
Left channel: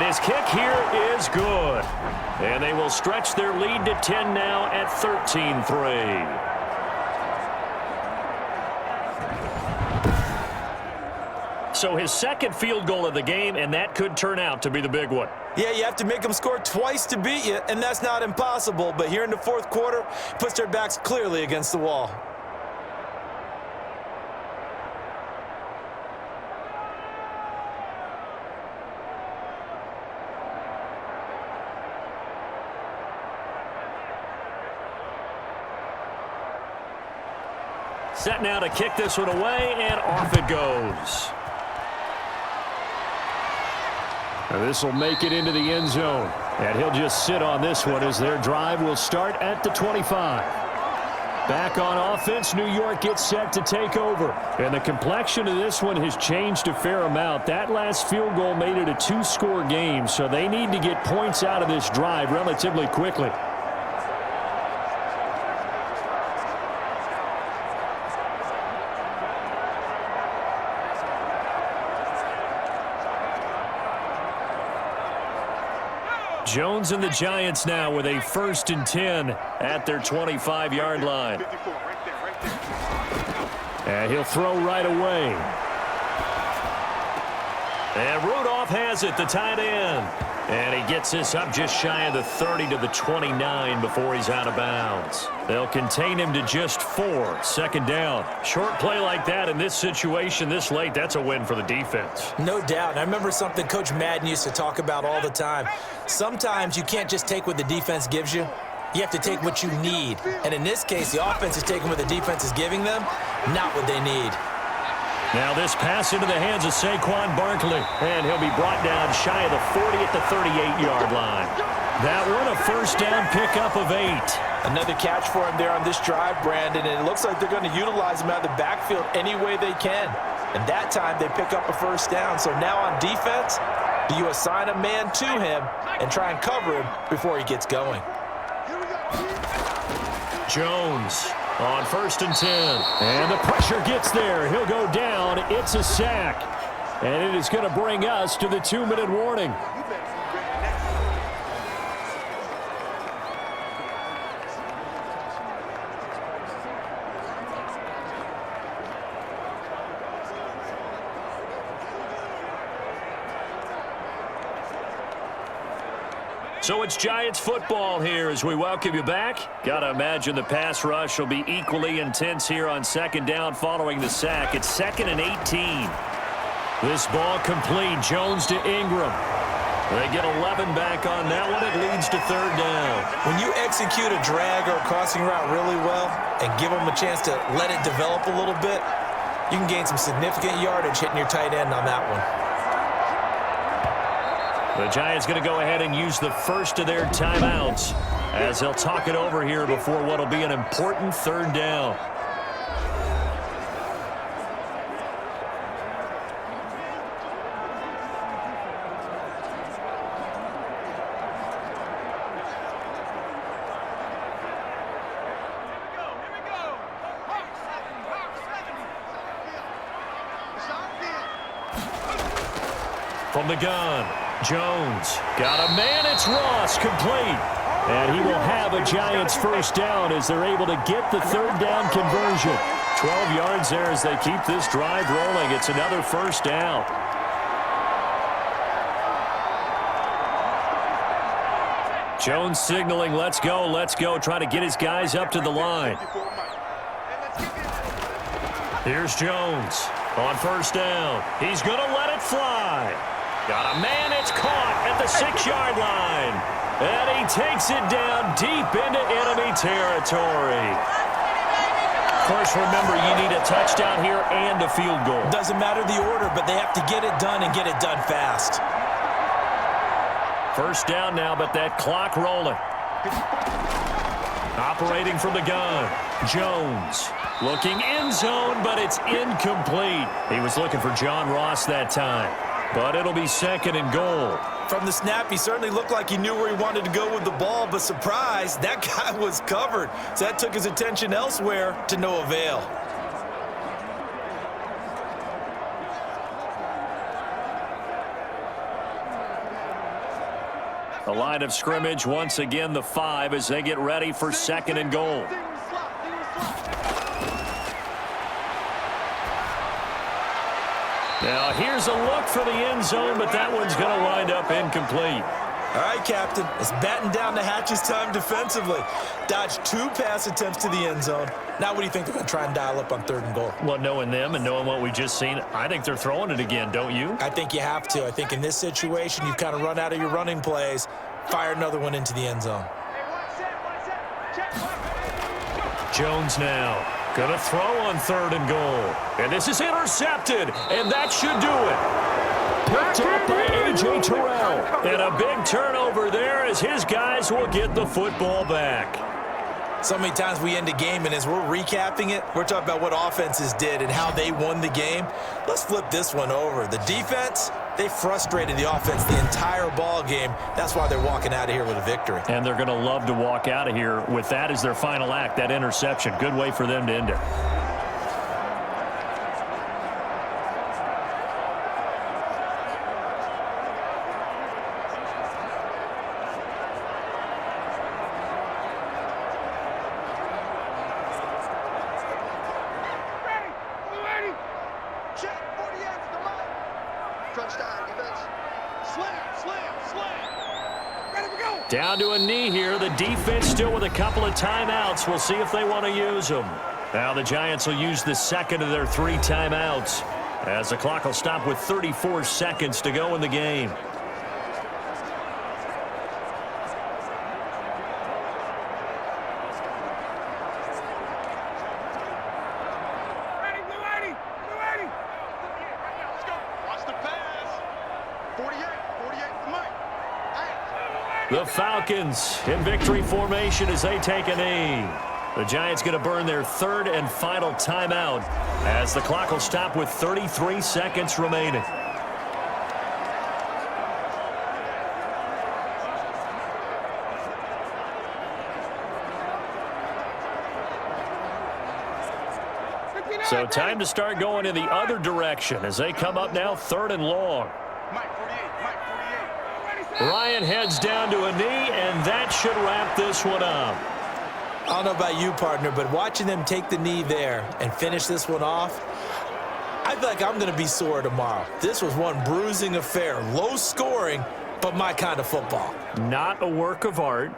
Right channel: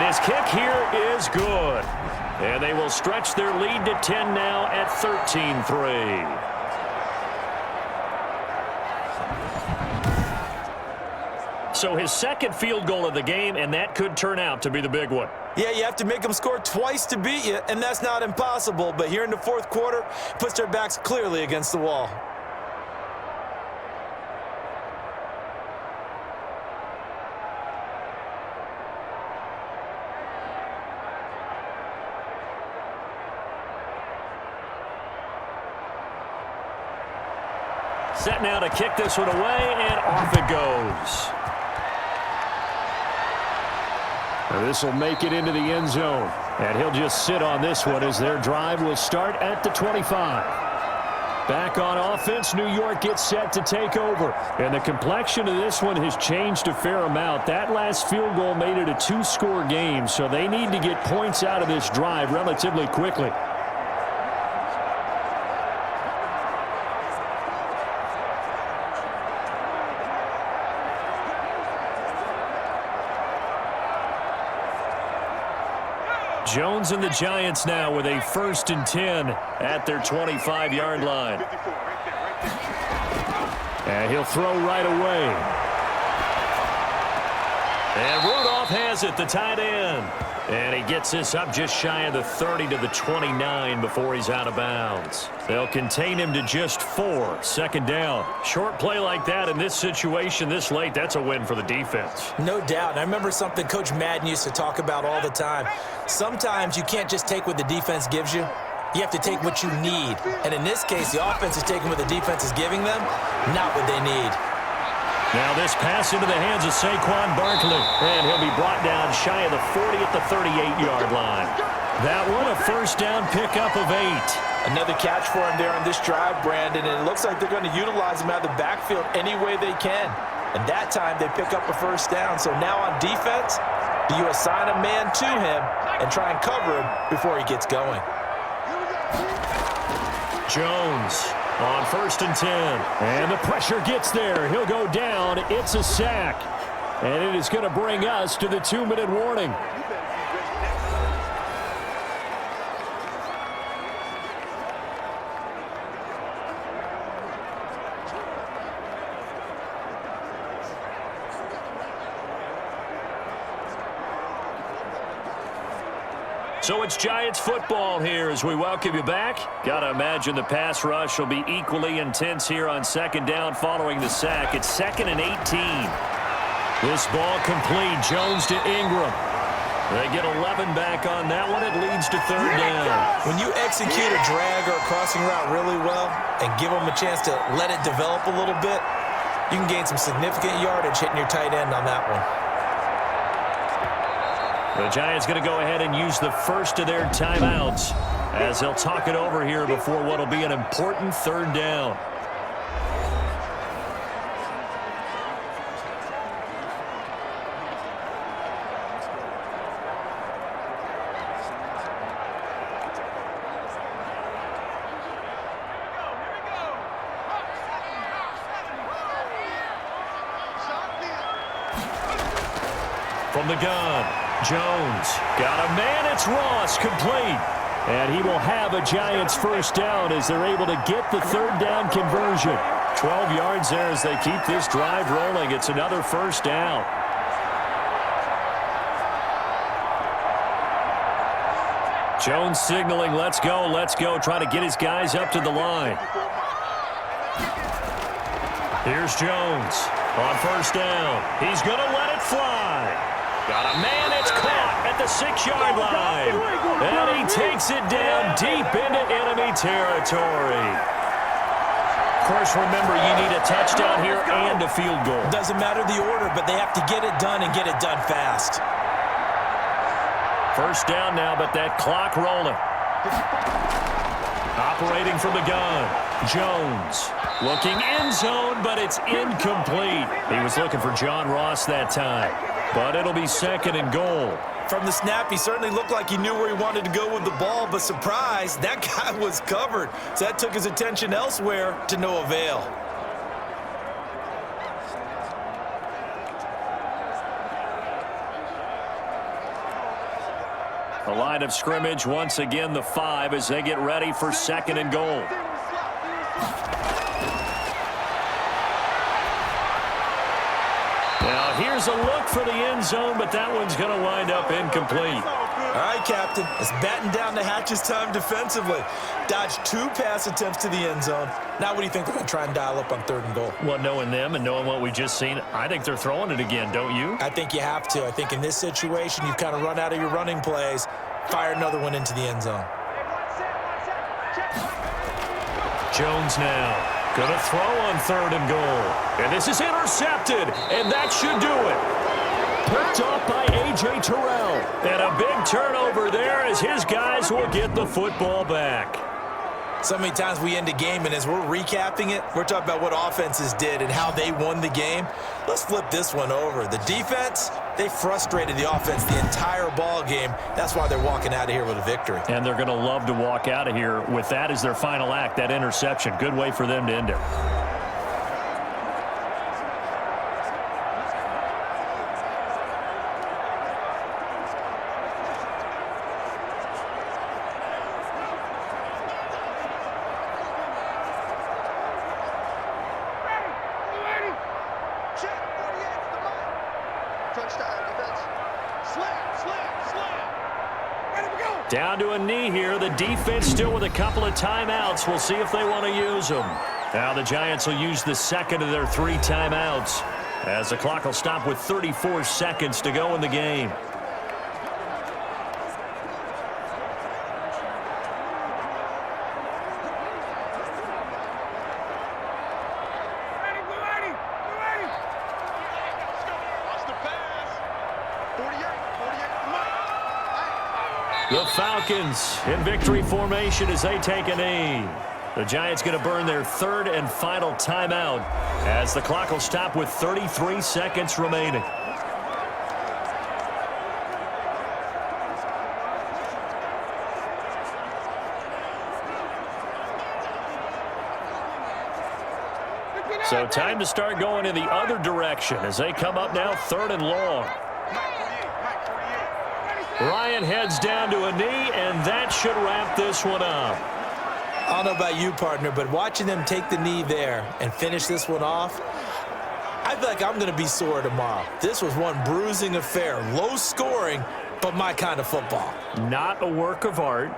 his kick here is good. And they will stretch their lead to 10 now at 13-3. So his second field goal of the game, and that could turn out to be the big one. Yeah, you have to make them score twice to beat you, and that's not impossible. But here in the fourth quarter, puts their backs clearly against the wall. Set now to kick this one away, and off it goes. Now this will make it into the end zone, and he'll just sit on this one as their drive will start at the 25. Back on offense, New York gets set to take over, and the complexion of this one has changed a fair amount. That last field goal made it a two-score game, so they need to get points out of this drive relatively quickly. Jones and the Giants now with a 1st and 10 at their 25-yard line. And he'll throw right away. And Rudolph has it, the tight end. And he gets this up just shy of the 30 to the 29 before he's out of bounds. They'll contain him to just 4. 2nd down. Short play like that in this situation this late, that's a win for the defense. No doubt. I remember something Coach Madden used to talk about all the time. Sometimes you can't just take what the defense gives you. You have to take what you need. And in this case, the offense is taking what the defense is giving them, not what they need. Now this pass into the hands of Saquon Barkley, and he'll be brought down shy of the 40 at the 38-yard line. That one a 1st down pickup of 8. Another catch for him there on this drive, Brandon, and it looks like they're going to utilize him out of the backfield any way they can. And that time they pick up a 1st down. So now on defense, do you assign a man to him and try and cover him before he gets going? Jones on 1st and 10. And the pressure gets there. He'll go down. It's a sack. And it is going to bring us to the 2-minute warning. So it's Giants football here as we welcome you back. Got to imagine the pass rush will be equally intense here on 2nd down following the sack. It's 2nd and 18. This ball complete. Jones to Ingram. They get 11 back on that one. It leads to 3rd down. When you execute a drag or a crossing route really well and give them a chance to let it develop a little bit, you can gain some significant yardage hitting your tight end on that one. The Giants going to go ahead and use the first of their timeouts as they'll talk it over here before what will be an important 3rd down. From the gun, Jones got a man. It's Ross, complete. And he will have a Giants 1st down as they're able to get the 3rd down conversion. 12 yards there as they keep this drive rolling. It's another 1st down. Jones signaling, let's go, trying to get his guys up to the line. Here's Jones on 1st down. He's going to let it fly. Got a man, it's caught at the 6-yard line. And he takes it down deep into enemy territory. Of course, remember, you need a touchdown here and a field goal. Doesn't matter the order, but they have to get it done and get it done fast. 1st down now, but that clock rolling. Operating from the gun, Jones. Looking end zone, but it's incomplete. He was looking for John Ross that time. But it'll be 2nd and goal. From the snap, he certainly looked like he knew where he wanted to go with the ball, but surprise, that guy was covered. So that took his attention elsewhere to no avail. The line of scrimmage, once again, the 5 as they get ready for 2nd and goal. Now, here's a look for the end zone, but that one's going to wind up incomplete. All right, Captain. It's batten down the hatches time defensively. Dodged 2 pass attempts to the end zone. Now, what do you think they're going to try and dial up on 3rd and goal? Well, knowing them and knowing what we just seen, I think they're throwing it again, don't you? I think you have to. I think in this situation, you've kind of run out of your running plays. Fire another one into the end zone. Jones now going to throw on 3rd and goal. And this is intercepted, and that should do it. Picked off by A.J. Terrell. And a big turnover there as his guys will get the football back. So many times we end a game, and as we're recapping it, we're talking about what offenses did and how they won the game. Let's flip this one over. The defense, they frustrated the offense the entire ball game. That's why they're walking out of here with a victory. And they're going to love to walk out of here with that as their final act, that interception. Good way for them to end it. Down to a knee here. The defense still with a couple of timeouts. We'll see if they want to use them. Now the Giants will use the 2nd of their 3 timeouts as the clock will stop with 34 seconds to go in the game. The Falcons in victory formation as they take a knee. The Giants going to burn their 3rd and final timeout as the clock will stop with 33 seconds remaining. So time to start going in the other direction as they come up now 3rd and long. Ryan heads down to a knee, and that should wrap this one up. I don't know about you, partner, but watching them take the knee there and finish this one off, I feel like I'm going to be sore tomorrow. This was one bruising affair. Low scoring, but my kind of football. Not a work of art,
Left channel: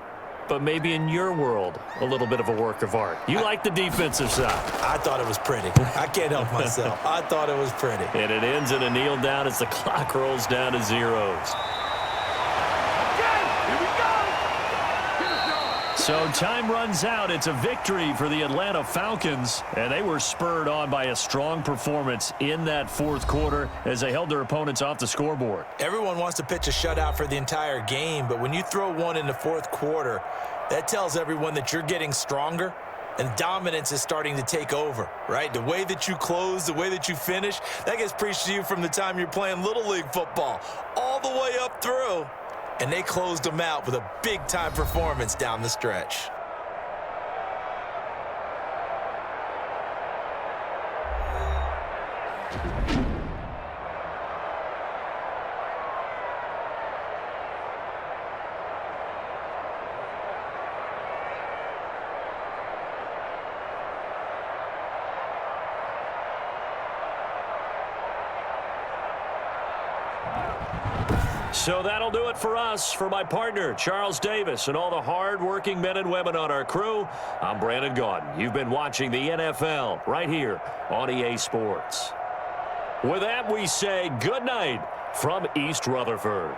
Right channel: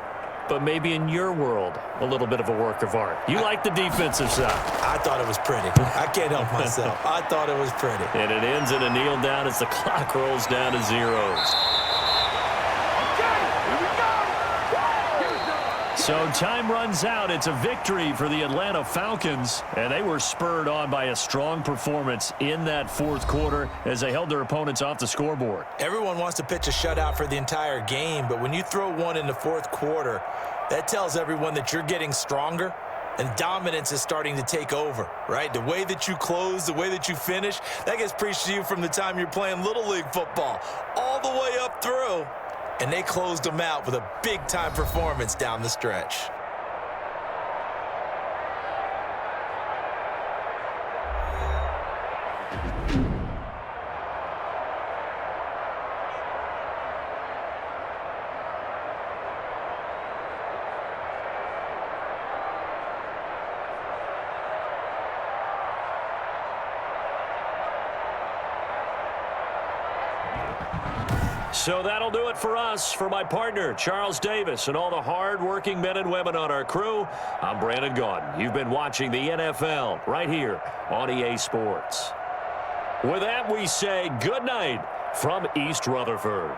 but maybe in your world, a little bit of a work of art. You like the defensive side. I thought it was pretty. I can't help myself. I thought it was pretty. And it ends in a kneel down as the clock rolls down to zeros. So time runs out. It's a victory for the Atlanta Falcons, and they were spurred on by a strong performance in that 4th quarter as they held their opponents off the scoreboard. Everyone wants to pitch a shutout for the entire game, but when you throw one in the 4th quarter, that tells everyone that you're getting stronger and dominance is starting to take over, right? The way that you close, the way that you finish, that gets preached to you from the time you're playing Little League football all the way up through. And they closed them out with a big-time performance down the stretch. So that'll do it for us. For my partner, Charles Davis, and all the hard-working men and women on our crew, I'm Brandon Gaudin. You've been watching the NFL right here on EA Sports. With that, we say good night from East Rutherford.